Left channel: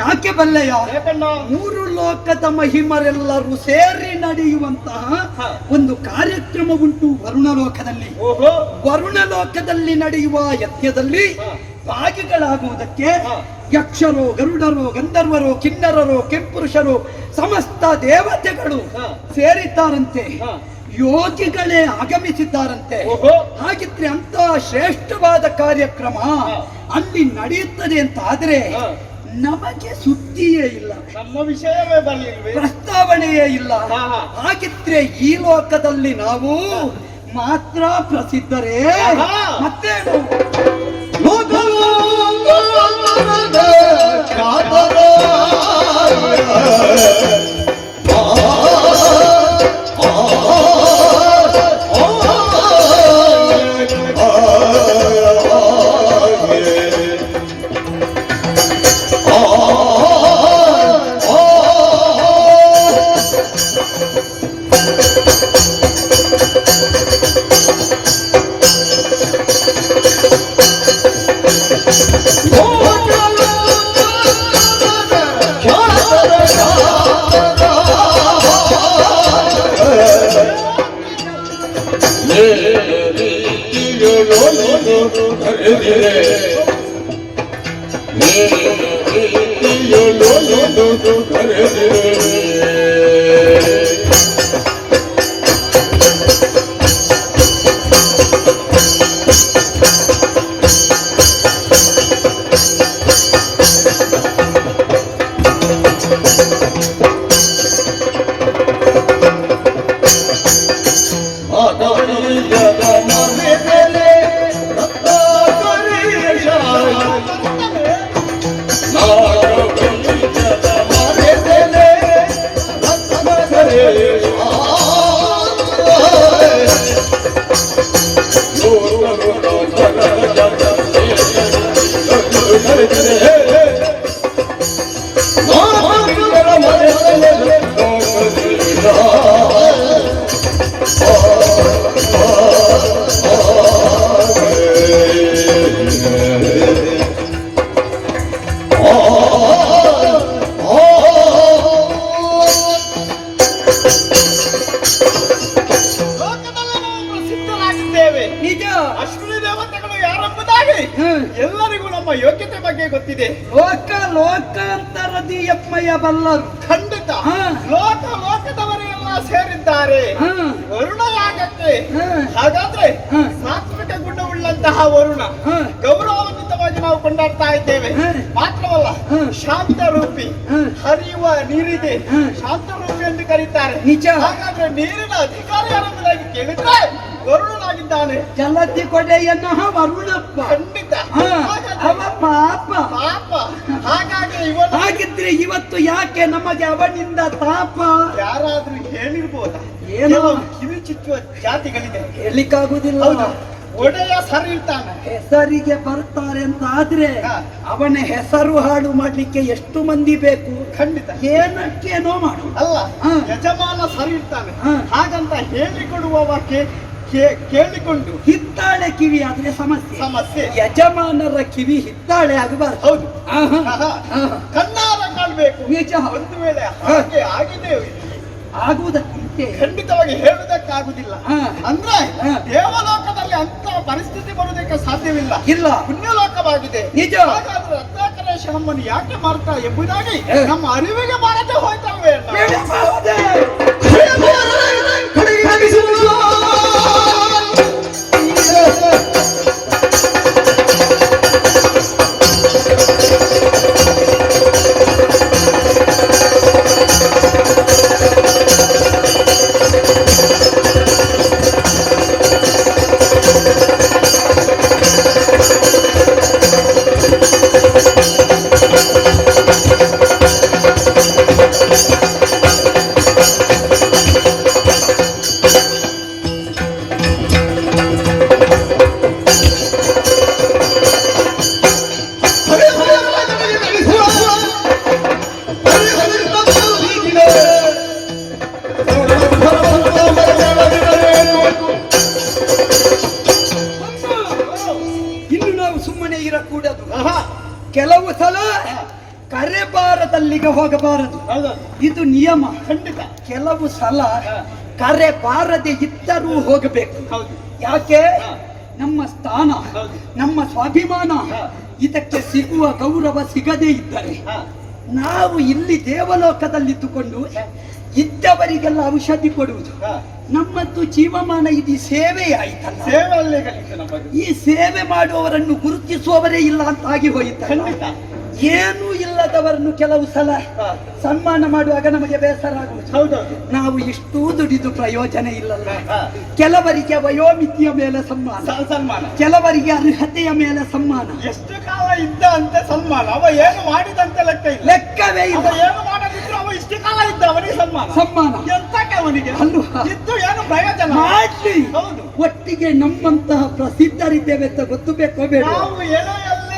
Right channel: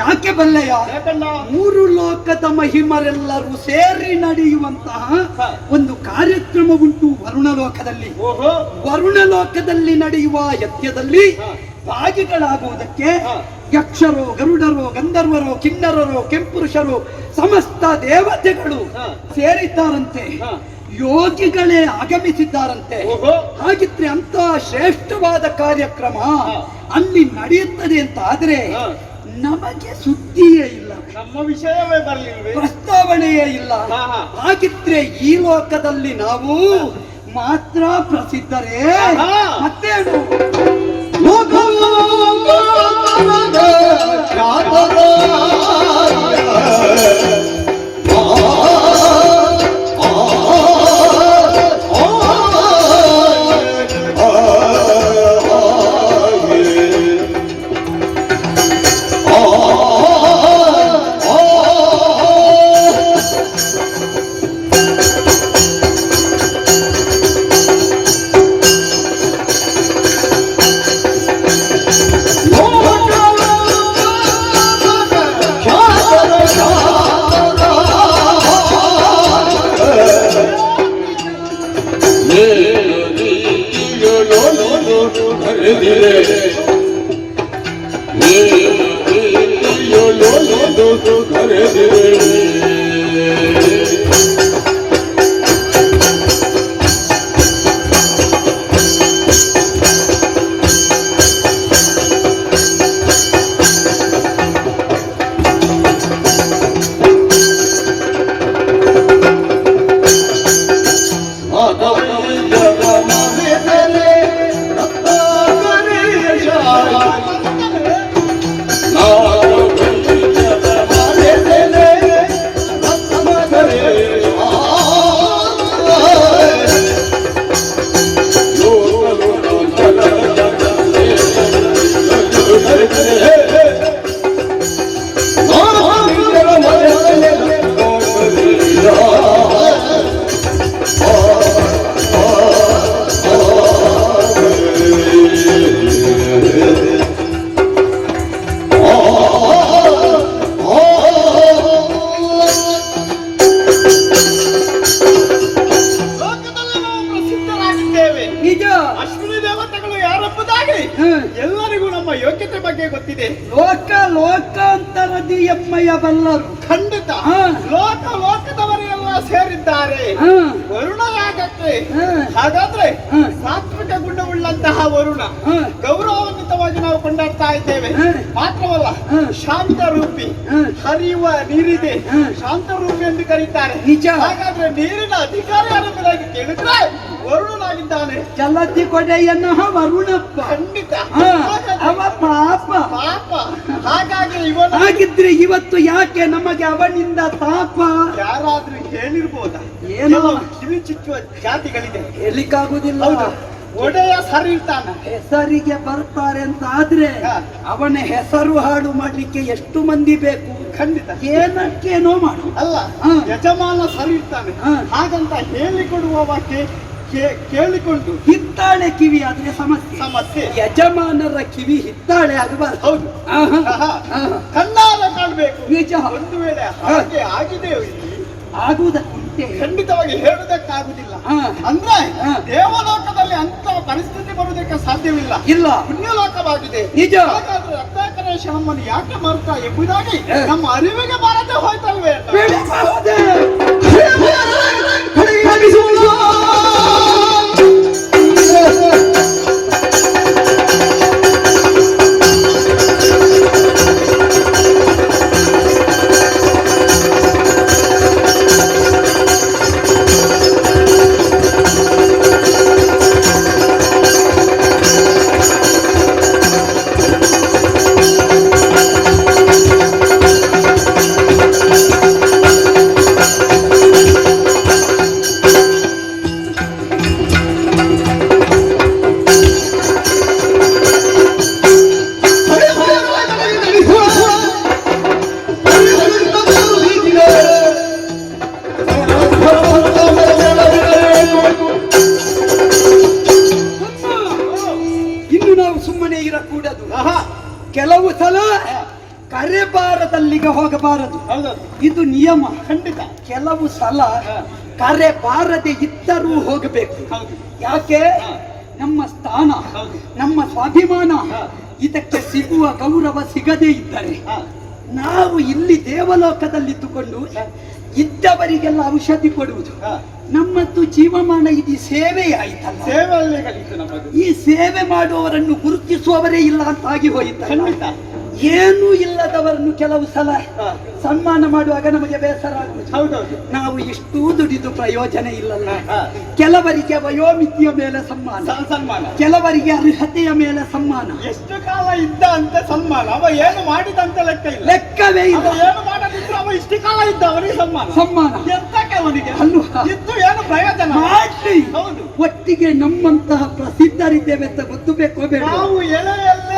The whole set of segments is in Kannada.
ಯಾಕೆ ಬಲ್ಲೆಯ? ಯಾಕಣ್ಣ? ಮೂರು ಲೋಕದ ಮಹಿಮರೆಲ್ಲರೂ ಸೇರಿ ನಡೆಯುವಂತಹ ಒಂದು ಕಾರ್ಯಕ್ರಮ ಉಂಟು ವರುಣ ಲೋಕದಲ್ಲಿ. ವರುಣ ಲೋಕದಲ್ಲಿ ನಡೆಯುವ ಯಜ್ಞದಲ್ಲಿ ಭಾಗಿಗಳಾಗುವುದಕ್ಕೆ ಯಕ್ಷರೋ, ಗರುಡರೋ, ಗಂಧರ್ವರೋ, ಕಿನ್ನರರೋ, ಕೆಂಪುರುಷರು, ಸಮಸ್ತ ದೇವತೆಗಳು ಸೇರಿದ್ದಾರಂತೆ. ಯೋಗಿಗಳೇ ಆಗಮಿಸಿದ್ದಾರಂತೆ. ಹಾಗಿದ್ರೆ ಅಂತ ಶ್ರೇಷ್ಠವಾದ ಕಾರ್ಯಕ್ರಮ ಅಲ್ಲಿ ನಡೆಯುತ್ತದೆ ಅಂತ ಆದ್ರೆ ನಮಗೆ ಸುದ್ದಿಯೇ ಇಲ್ಲ, ನಮ್ಮ ವಿಷಯವೇ ಬರಲಿಲ್ಲ, ಪ್ರಸ್ತಾವನೆಯೇ ಇಲ್ಲ. ಹಾಗಿದ್ರೆ ಈ ಲೋಕದಲ್ಲಿ ನಾವು ಮಾತ್ರ ಪ್ರಸಿದ್ಧರೇ? ಮತ್ತೇನು? ಎಲ್ಲರಿಗೂ ನಮ್ಮ ಯೋಗ್ಯತೆ ಬಗ್ಗೆ ಗೊತ್ತಿದೆ. ಲೋಕಾಂತರದಿ ಎಮ್ಮಯ್ಯ ಬಲ್ಲರು. ಖಂಡಿತ ಲೋಕದವರೆಲ್ಲ ಸೇರಿದ್ದಾರೆ ವರುಣ ಯಾಗಕ್ಕೆ. ಹಾಗಾದ್ರೆ ಸಾತ್ವಿಕ ಗುಣವುಳ್ಳಂತಹ ವರುಣ ಗೌರವಾನ್ವಿತವಾಗಿ ನಾವು ಕೊಂಡಾಡ್ತಾ ಇದ್ದೇವೆ. ಮಾತ್ರವಲ್ಲ, ಶಾಂತ ರೂಪಿ, ಹರಿಯುವ ನೀರಿದೆ, ಶಾಂತ ರೂಪಿ ಎಂದು ಕರೀತಾರೆ. ನಿಜ. ಹಾಗಾದ್ರೆ ನೀರಿನ ಅಧಿಕಾರಿ ಅನ್ನೋದಾಗಿ ಕೇಳಿದ್ರೆ ವರುಣನಾಗಿದ್ದಾನೆ. ಜಲತಿ ಕೊಡೆಯನ್ನ ವರುಣಪ್ಪ. ಖಂಡಿತ ಅವ ಪಾಪ. ಹಾಗಿದ್ರೆ ಇವತ್ತು ಯಾಕೆ ನಮಗೆ ಅವನಿಂದ ತಾಪ? ಯಾರಾದ್ರೂ ಹೇಳಿರ್ಬೋದ? ಏನೋ ಕಿವಿ ಚುಚ್ಚುವ ಜಾತಿಗಳಿದೆ, ಹೇಳಿಕ್ಕಾಗುದಿಲ್ಲ. ಒಡೆಯ ಸರಿ ಇರ್ತಾನೆ, ಹೆಸರಿಗೆ ಬರ್ತಾರೆ ಅಂತ ಆದ್ರೆ ಅವನ ಹೆಸರು ಹಾಳು ಮಾಡ್ಲಿಕ್ಕೆ ಎಷ್ಟು ಮಂದಿ ಬೇಕು? ಖಂಡಿತ ಏನಕ್ಕೇನೋ ಮಾಡು. ಅಲ್ಲ, ಯಜಮಾನ ಸರಿ ಇರ್ತಾನೆ ಹಾಗಂತ ಹೇಳಿಕೊಡುವ ಕೇಳಿಕೊಂಡು ಹಿತ್ತಾಳೆ ಕಿವಿ ಆದ್ರೆ ಸಮಸ್ಯೆ. ಯಜಮಾನರ ಕಿವಿ ಹಿತ್ತಾಳೆ ಆಗಬಾರ್ದು. ಹೌದು, ಕಣ್ಣಾರ ಕಾಣಬೇಕು. ನಿಜ. ಒಂದು ವೇಳೆ ಹಾಗೆ ಆಗಿದೆ ಆಗುವುದಕ್ಕಿಂತೆ ಖಂಡಿತವಾಗಿ ಹೇಳುವುದಕ್ಕಾಗುದಿಲ್ಲ. ಅಂದ್ರೆ ದೇವಲೋಕದಲ್ಲಿ ಅಂತ ಪರಿಸ್ಥಿತಿ ಬರುವುದಕ್ಕೆ ಸಾಧ್ಯವಿಲ್ಲ. ಇಲ್ಲ, ಪುಣ್ಯಲೋಕವಾಗಿದೆ. ನಿಜ. ಹಾಗಾದ್ರೆ ರತ್ನಾಕರ ನಮ್ಮನ್ನು ಯಾಕೆ ಮಾಡ್ತಾ ಎಂಬುದಾಗಿ ನಮ್ಮ ಅರಿವಿಗೆ ಬಾರದೆ ಹೋಯ್ತಲ್ವೇ? ಕರೆಬಾರದಲ್ಲಿಗೆ ಹೋಗಬಾರದು. ಹೌದೌದು, ಇದು ನಿಯಮ. ಖಂಡಿತ. ಕೆಲವು ಸಲ ಕರೆ ಬಾರದೆ ಇದ್ದರೂ ಹೋಗಬೇಕು. ಹೌದು. ಯಾಕೆ? ನಮ್ಮ ಸ್ಥಾನ, ಹೌದು. ನಮ್ಮ ಸ್ವಾಭಿಮಾನ, ಇದಕ್ಕೆ ಸಿಗುವ ಗೌರವ ಸಿಗದೇ ಇದ್ದರೆ ನಾವು ಇಲ್ಲಿ ದೇವಲೋಕದಲ್ಲಿದ್ದುಕೊಂಡು ಇದ್ದವರಿಗೆಲ್ಲ ಔಷಧಿ ಕೊಡುವುದು, ನಮ್ಮದ್ದು ಜೀವಮಾನ ಇದು ಸೇವೆ ಆಯ್ತಲ್ಲ. ಸೇವೆಯಲ್ಲೇ ಕಲಿತು ನಮಗೆ. ಈ ಸೇವೆ ಮಾಡುವವರನ್ನು ಗುರುತಿಸುವವರೇ ಇಲ್ಲ ಅಂತ ಆಗಿ ಹೋಯಿತು. ಖಂಡಿತ. ಏನೂ ಇಲ್ಲದವರನ್ನು ಕೆಲವು ಸಲ ಸನ್ಮಾನ ಮಾಡುವಾಗ ನಮಗೆ ಬೇಸರ ಆಗುವುದು. ಹೌದೌದು. ನಾವು ಇಷ್ಟೂ ದುಡಿದು ಪ್ರಯೋಜನ ಇಲ್ಲಲ್ಲ. ಕೆಲವರಿಗೆ ವಯೋಮಿತಿಯ ಮೇಲೆ ಸನ್ಮಾನ, ಸನ್ಮಾನ. ಕೆಲವರಿಗೆ ಅರ್ಹತೆಯ ಮೇಲೆ ಸನ್ಮಾನ. ಎಷ್ಟು ಕಾಲ ಇದ್ದ ಅಂತ ಸನ್ಮಾನ. ಅವ ಏನು ಮಾಡಿದಂತ ಲೆಕ್ಕ ಇಲ್ಲ, ಲೆಕ್ಕವೇ ಇಲ್ಲ. ಏನು ಮಾಡದಿದ್ರು ಅವ ಇಷ್ಟು ಕಾಲ ಇದ್ದ, ಅವನಿಗೆ ಸನ್ಮಾನ. ಸನ್ಮಾನ ಎಂತಕ್ಕೆ ಅವನಿಗೆ ಅಲ್ವಾ? ಇದ್ದು ಏನು ಪ್ರಯೋಜನ? ಮಾಡ್ಲಿ. ಹೌದು. ಒಟ್ಟಿಗೆ ನಮ್ಮಂತಹ ಪ್ರಸಿದ್ಧರಿದ್ದೇವೆ ಅಂತ ಗೊತ್ತು ಬೇಕೋ ಬೇಡ? ನಾವು ಎಲೆಯಲ್ಲೇ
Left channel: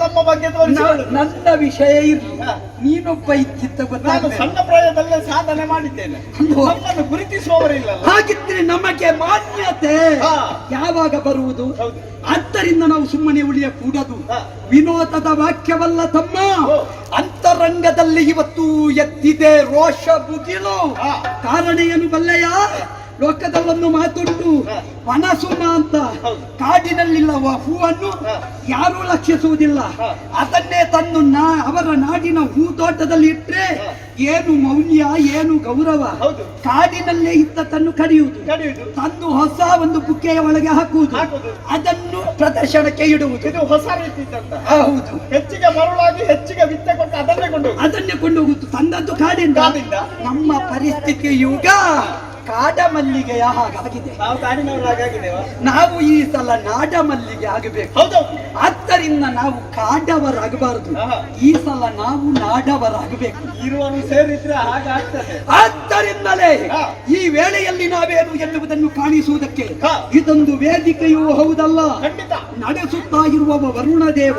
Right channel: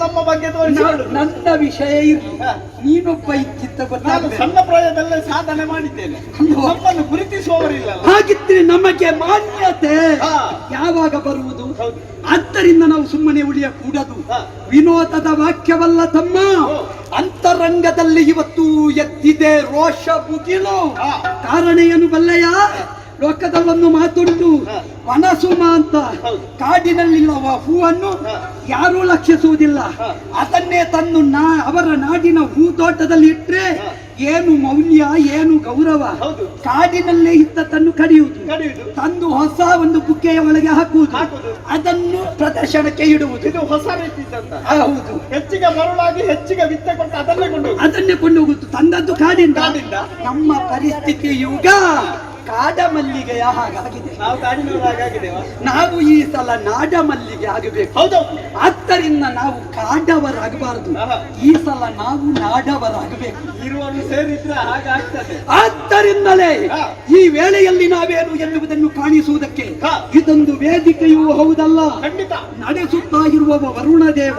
ನಮ್ಮ ಬಗ್ಗೆ ತೋರಿಸಿಕೊಳ್ಳುವುದು. ನನ್ನ ವಿಷಯ ಇರಲಿ, ನೀನೊಬ್ಬ ಇದ್ದಿದ್ದ ನಾನು ಗೊತ್ತಾಗಬೇಕು. ಸಣ್ಣ ಪ್ರಾಯದಲ್ಲೇ ಸಾಧನೆ ಮಾಡಿದ್ದೇನೆ. ನಮ್ಮನ್ನು ಗುರುತಿಸುವವರಿಲ್ಲ. ಹಾಗಿದ್ರೆ ನಮಗೆ ಮಾನ್ಯತೆ ಯಾವಾಗ ಬರುವುದು? ಹೌದು. ಆದ್ದರಿಂದ ನಾವು ಸುಮ್ಮನೆ ಉಳಿಯ ಕೂಡದು. ವಿನೋದದ ವಾಕ್ಯವಲ್ಲ ತಮ್ಮ, ಅಂತರಂಗದಲ್ಲಿ ಇವತ್ತು ಎದ್ದಿದೆ ರೋಷ ಮುಗಿಲು. ಕಾರಣ ಏನು ಬಲ್ಲೆಯ? ಲೋಕದಲ್ಲೊಂದು ಮಾತುಂಟು, ವನಸುಮ ಅಂತ. ಕಾಡಿನಲ್ಲಿಲ್ಲವ ಹೂವನ್ನು ಯಾರೂ ಲಕ್ಷಿಸುವುದಿಲ್ಲ. ಅದನ್ನೇ ತಂದು ಅವರ ನಾಡಿನ ಹೂ ತೋಟದಲ್ಲಿ ಇಟ್ರೆ ಏನು ಮೌಲ್ಯ, ಏನು ಗೌರವ. ಕಾಡಿನಲ್ಲೇ ಇದ್ದ ತನ್ನು ಕಡಿಯುವುದು, ತಂದು ಹೊಸ ಒಂದು ಬುಕ್ಕೆಯ ಒಳಗೆ ಹಾಕುವುದು, ಅದನ್ನು ಪ್ರದರ್ಶನಕ್ಕೆ ಇಡುವುದು. ಇದು ಹೊಸ ರೀತಿ. ಹೌದು. ಹೆಚ್ಚಿಗೆ ಮರುಳಾಗಿ ಹೆಚ್ಚಿಗೆ ವಿತ್ತ ಕೊಟ್ಟು ಅದನ್ನೇ ಕೊಂಡು ಹೋಗುವುದು. ತಂದದ್ದು ಕಾಡಿಂದ. ನಮ್ಮ ಪರಿಸ್ಥಿತಿ ಈಗ ಕಾಡ ಮಲ್ಲಿಗೆಯ ಹಾಗಾಗಿದೆ. ನಾವು ಕಾಡಿನವರಾಗಿದ್ದೇವೆ. ನಾವು ಈ ಸಲ ನಾಡ ಮಲ್ಲಿಗೆ ಆಗಬೇಕು. ಆದ್ದರಿಂದ ನಾವು ಕಾಡವರಾಗಬಾರದು. ಈ ಸಲ ನಾವು ನಾಡವರಾಗಬೇಕು. ಇರುವರು ಸೇರಿದ್ರೆ ಹಾಗಾಗ್ತದೆ. ಆದ್ದರಿಂದಲೇ ಈ ವೇಳೆಯಲ್ಲಿ ನಾವೇನು ಎನ್ನುವುದನ್ನು ಕಾಣಿಸುವುದಕ್ಕೆ ಇದೊಂದು ವೇದಿಕೆಯೂ ಹೌದಲ್ಲ. ನಡೆಸುತ್ತಾ ಇರುವವ ವರುಣ ದೇವ,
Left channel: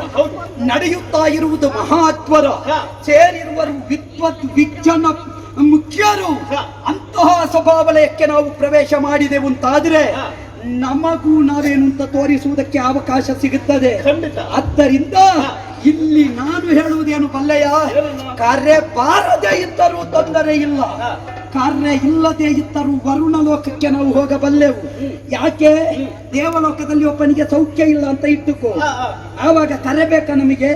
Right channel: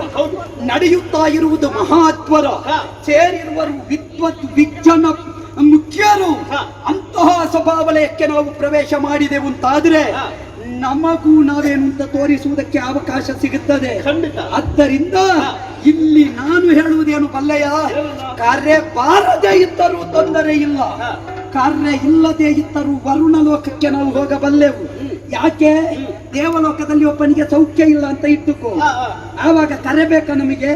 ನಡೆಯುತ್ತಾ ಇರುವುದು ಮಹಾತ್ವರ, ಸೇರಿರುವರು ವಿದ್ವತ್ ವಿಜ್ಞಾನ ಮುಖ್ಯರು. ಅಂತಹ ಸ್ವಭಾವಲಯಕ್ಕೆ ನಾವು ಪ್ರವೇಶ ಮಾಡಿದೆವು ಅಂತಾದ್ರೆ ನಮಗೂ ನಾವೇನು ಅಂತ ತೋರಿಸುವುದಕ್ಕೆ ಅವಕಾಶ ಸಿಗುತ್ತದೆ. ಆದ್ದರಿಂದ ಇಲ್ಲಿ ನಾನು ಹೇಳುವುದೇನು ಬಲ್ಲೆಯ? ಕಾರ್ಯ ಬಾರದೇ ಇದ್ದರೂ ತೊಂದರೆ ಇಲ್ಲ, ಕಾರ್ಯ ಇಲ್ಲದೆ ಇದ್ದರೂ ವರುಣ ಲೋಕಕ್ಕೆ ನಾವು ಹೋಗಬಲ್ಲೆವು. ಯಾಕೆ? ದೇವಲೋಕದಲ್ಲಿ ಒಬ್ಬನಿಗೆ ಸೌಖ್ಯ ಇಲ್ಲ ಅಂತ ಇಟ್ಟುಕೋ, ಆವಾಗ ಕರೆಬೇಕ ನಮಗೆ?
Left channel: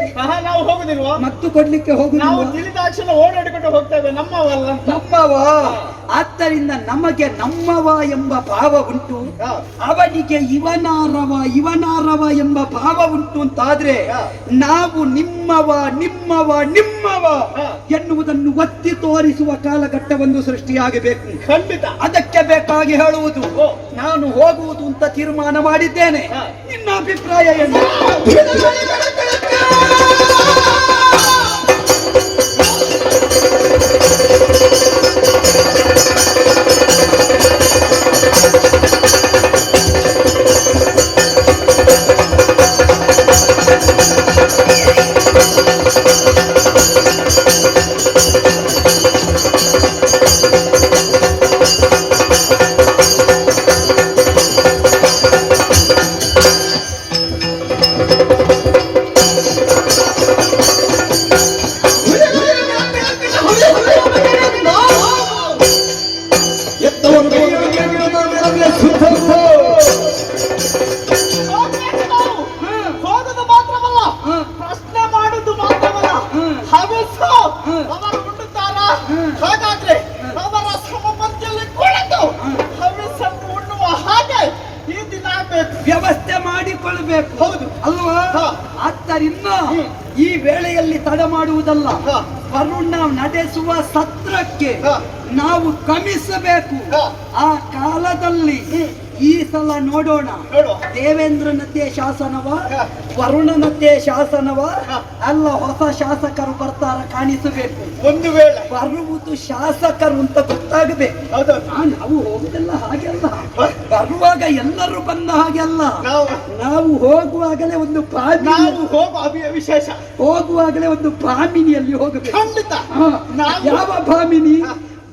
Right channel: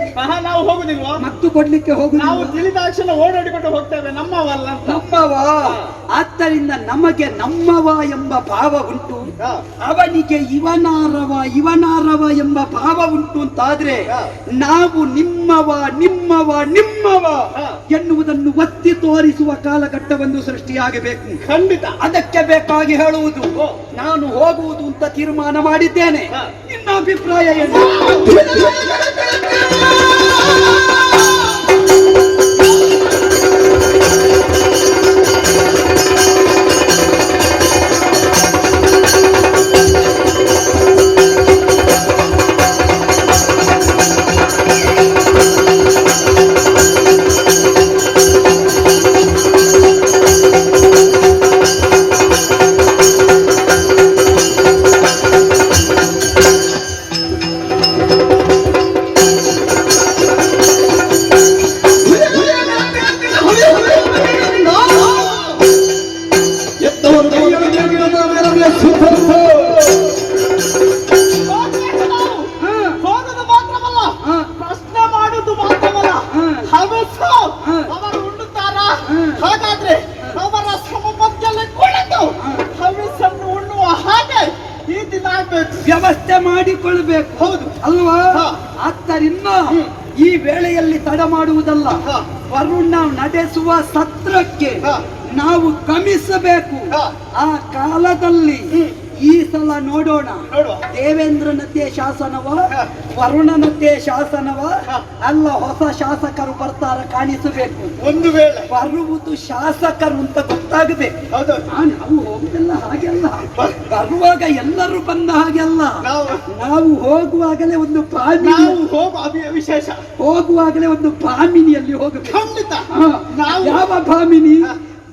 ನಾವು ಹೋಗುದಿಲ್ವಾ? ಮತ್ತು ಕೊಡ್ಲಿಕ್ಕೆ ಹೋಗುದಿಲ್ವಾ? ತಿಳಿದಾಕ್ಷಣ ಓಡಾಡಿಕೊಂಡು ಹೋಗ್ತೇವೆ. ನಮ್ಮವಲ್ಲ, ನಮ್ಮವ. ಆದ್ದರಿಂದ ನಮಗೆ ನಮ್ಮವ ಎಂಬ ಭಾವ ಉಂಟು, ಅವನಿಗೆ ಇವನಾರವ ಎಂಬ ಭಾವ ಉಂಟು ಅಂತಾದ್ರೆ ನಾವು ನಿಮ್ಮವ ನಿಮ್ಮವ ನಿಮ್ಮವ ಎನ್ನುವುದನ್ನು ಒತ್ತಿ ತೋರಿಸುವ ಕಾಲಘಟ್ಟವನ್ನು ಸೃಷ್ಟಿಯಾಗಬೇಕು. ಖಂಡಿತ. ಅದಕ್ಕೆ ಬೇಕಾಗಿ ಹೇಳುವುದು, ನಾನು ಹೋಗುವುದು ಅಂತ ತೀರ್ಮಾನ ಮಾಡಿದ್ದೇನೆ. ನಿನ್ನ ಅಭಿಪ್ರಾಯ ಏನು? ಹಾಗಾದ್ರೆ ಅವರ ಸಮಬದ್ಧಲ್ಲಿ ಕುಳಿತು ಹವಿಸ್ಸನ್ನು ಉಣ್ಣುವ ಹಾಗೆ ಈ ದಿನ ವ್ಯವಸ್ಥೆ ಮಾಡಿಕೊಳ್ಳಬೇಕು. ಹೌದು ಅಲ್ವಾ? ಆದ್ದರಿಂದ ಈ ವೇಳೆಯಲ್ಲಿ ತಡ ಮಾಡುವುದಲ್ಲ, ವರುಣ ನಡೆಸುವ ಸತ್ರಕ್ಕೆ ನಾವು ಗಮಿಸಬೇಕು. ಆ ಕಾಲದಲ್ಲಿ ಈ ಸಲ ನೋಡೋಣ, ದೇವೇಂದ್ರನದ್ದೇ ಶಾಸನವ, ವರುಣನದ್ದೇ ಶಾಸನವ, ಅಲ್ಲ ಹೊಸ ಶಾಸಕರು ಬರ್ತಾರ ಕಾಣಿಸಬೇಕು. ಒಂದು ವೇಳೆ ಬರುವುದು ಶಾಸಕರು ಅಂತ ಗೊತ್ತಾಗಬೇಕು. ನಾವು ಹೋಗುದಲ್ಲ ಹಾಗೆಲ್ಲ, ಬರುವಾಗ ಎಲ್ಲರೂ ಬಂದ ಹಾಗೆಲ್ಲ. ನಾವು ಹೋಗುವಾಗಲೇ ಒಂದು ವಿಶೇಷ, ಹೋಗುವಾಗಲೇ ಒಂದು ಭಾಮಿನಿಯಲ್ಲಿ ಹೋಗಬೇಕು. ಖಂಡಿತ. ಯಾವ ಭಾಮಿನಿ?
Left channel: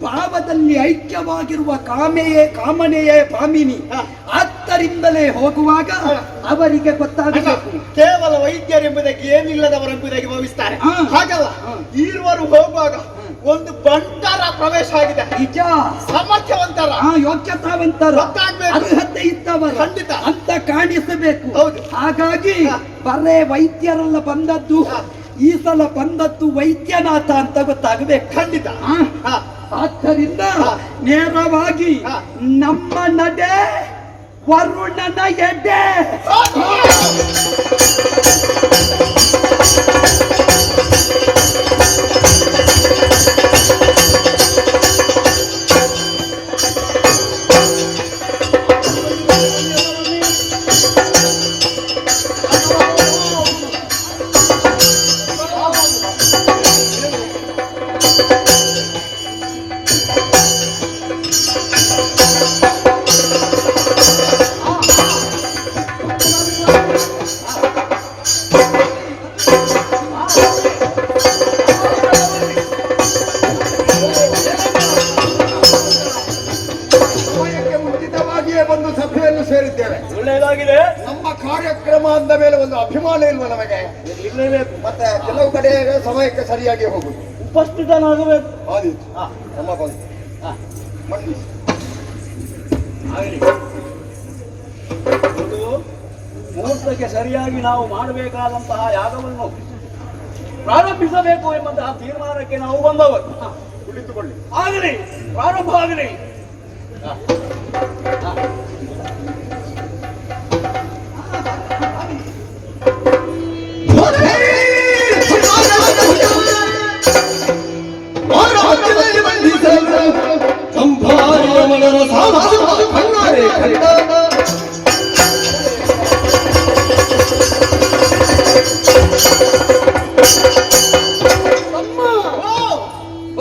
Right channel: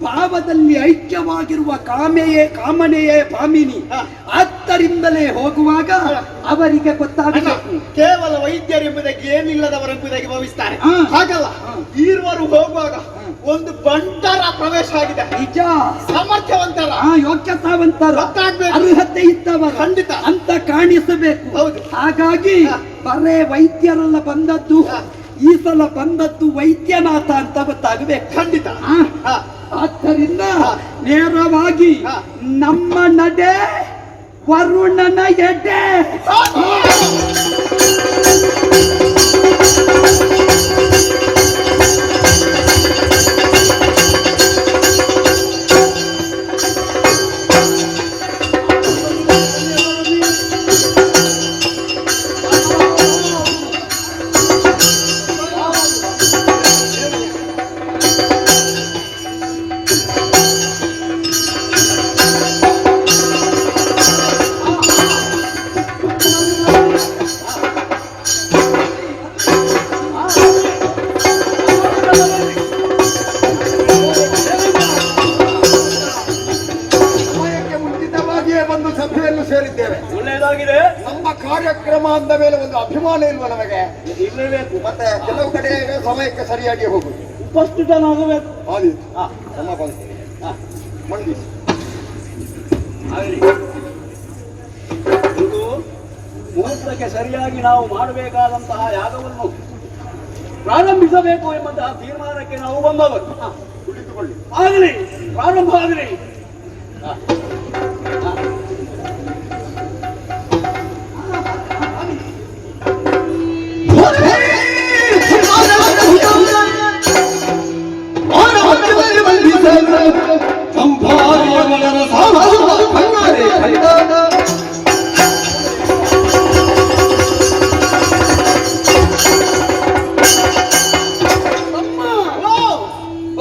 ಭಾವದಲ್ಲಿ ಐಕ್ಯವಾಗಿರುವ ಕಾಮನೆಯೇ ಭಾಮಿನಿ. ಆದ್ದರಿಂದಲೇ ಹೋಗುವಾಗ ಅವರಿಗೆ ಗೊತ್ತಾಗಬೇಕು. ಕೇವಲ ವೈದ್ಯರೆಂಬುದಾಗಿ ಏನಿಲ್ಲದವರೆಂಬುದಾಗಿ ಭಾವಿಸ್ತಾರೆ. ಹಾ. ಹಾಗಲ್ಲ, ಈರುವರು ಹೋಗುವಾಗ ಒಂದು ಬಂಟರ ಪ್ರವೇಶ ಆಗಿದೆ. ನಿಜ. ಸಾಮರ್ಥ್ಯವಂತರ, ಯೋಗ್ಯತಾವಂತರ, ಗೊತ್ತಾಗ್ಬೇಕು. ಅರ್ಹತೆ ಇದ್ದವರು ಖಂಡಿತ ಅಂತ ಕಾಣಿಸಬೇಕು. ಹೌದು. ಹಾಗಾಗಿ ಬರೇ ವೈದ್ಯರೆಲ್ಲ ಬಂದದ್ದು, ಈ ಸಲ ಬಂದದ್ದು ವೈದ್ಯನಾಥ ಅಂತ ಗೊತ್ತಾಗಬೇಕು. ಖಂಡಿತ. ಆದ್ದರಿಂದ ನೇರವಾಗಿ ನಮ್ಮ ನಡೆ ವರುಣನ ಎಡೆ. ಒಂದು ಸಭೆಯನ್ನು ಸೇರಿದ್ದೇವೆ. ಒಳ್ಳೆಯದಾಗಿದೆ. ನಮ್ಮ ಕಾರ್ಯಕ್ರಮ ಅಂದ ಮೇಲೆ ಒಂದು ಅಭಿಮಾನ ಇಲ್ವ ನಮಗೆ? ಇರಲೇಬೇಕು. ಮತ್ತೆ ಕೆಲವು ಕಡೆ ಸಮಯಕ್ಕೆ ಸರಿಯಾಗಿ ಹೋಗುದು. ಉಪಸ್ಥಿತನಾಗಬೇಕು. ಆದೀತು. ನಮ್ಮ ಬಂದು ಮಂಡಿ ಮುಹೂರ್ತಕ್ಕೆ ಸರಿಯಾಗಿ ನಾವು ಮಾಡಬೇಕಾದಂತಹ ಯಾಗವನ್ನು ಪ್ರಾರಂಭಿಸಬೇಕು ಎಂಬಂತಹ ತೀರ್ಮಾನಕ್ಕೆ ನಾವು ಬಂದವರು. ಕುಳಿತುಕೊಳ್ಳಿ. ಆಗಲಿ, ಪ್ರಾರಂಭ ಆಗಲಿ.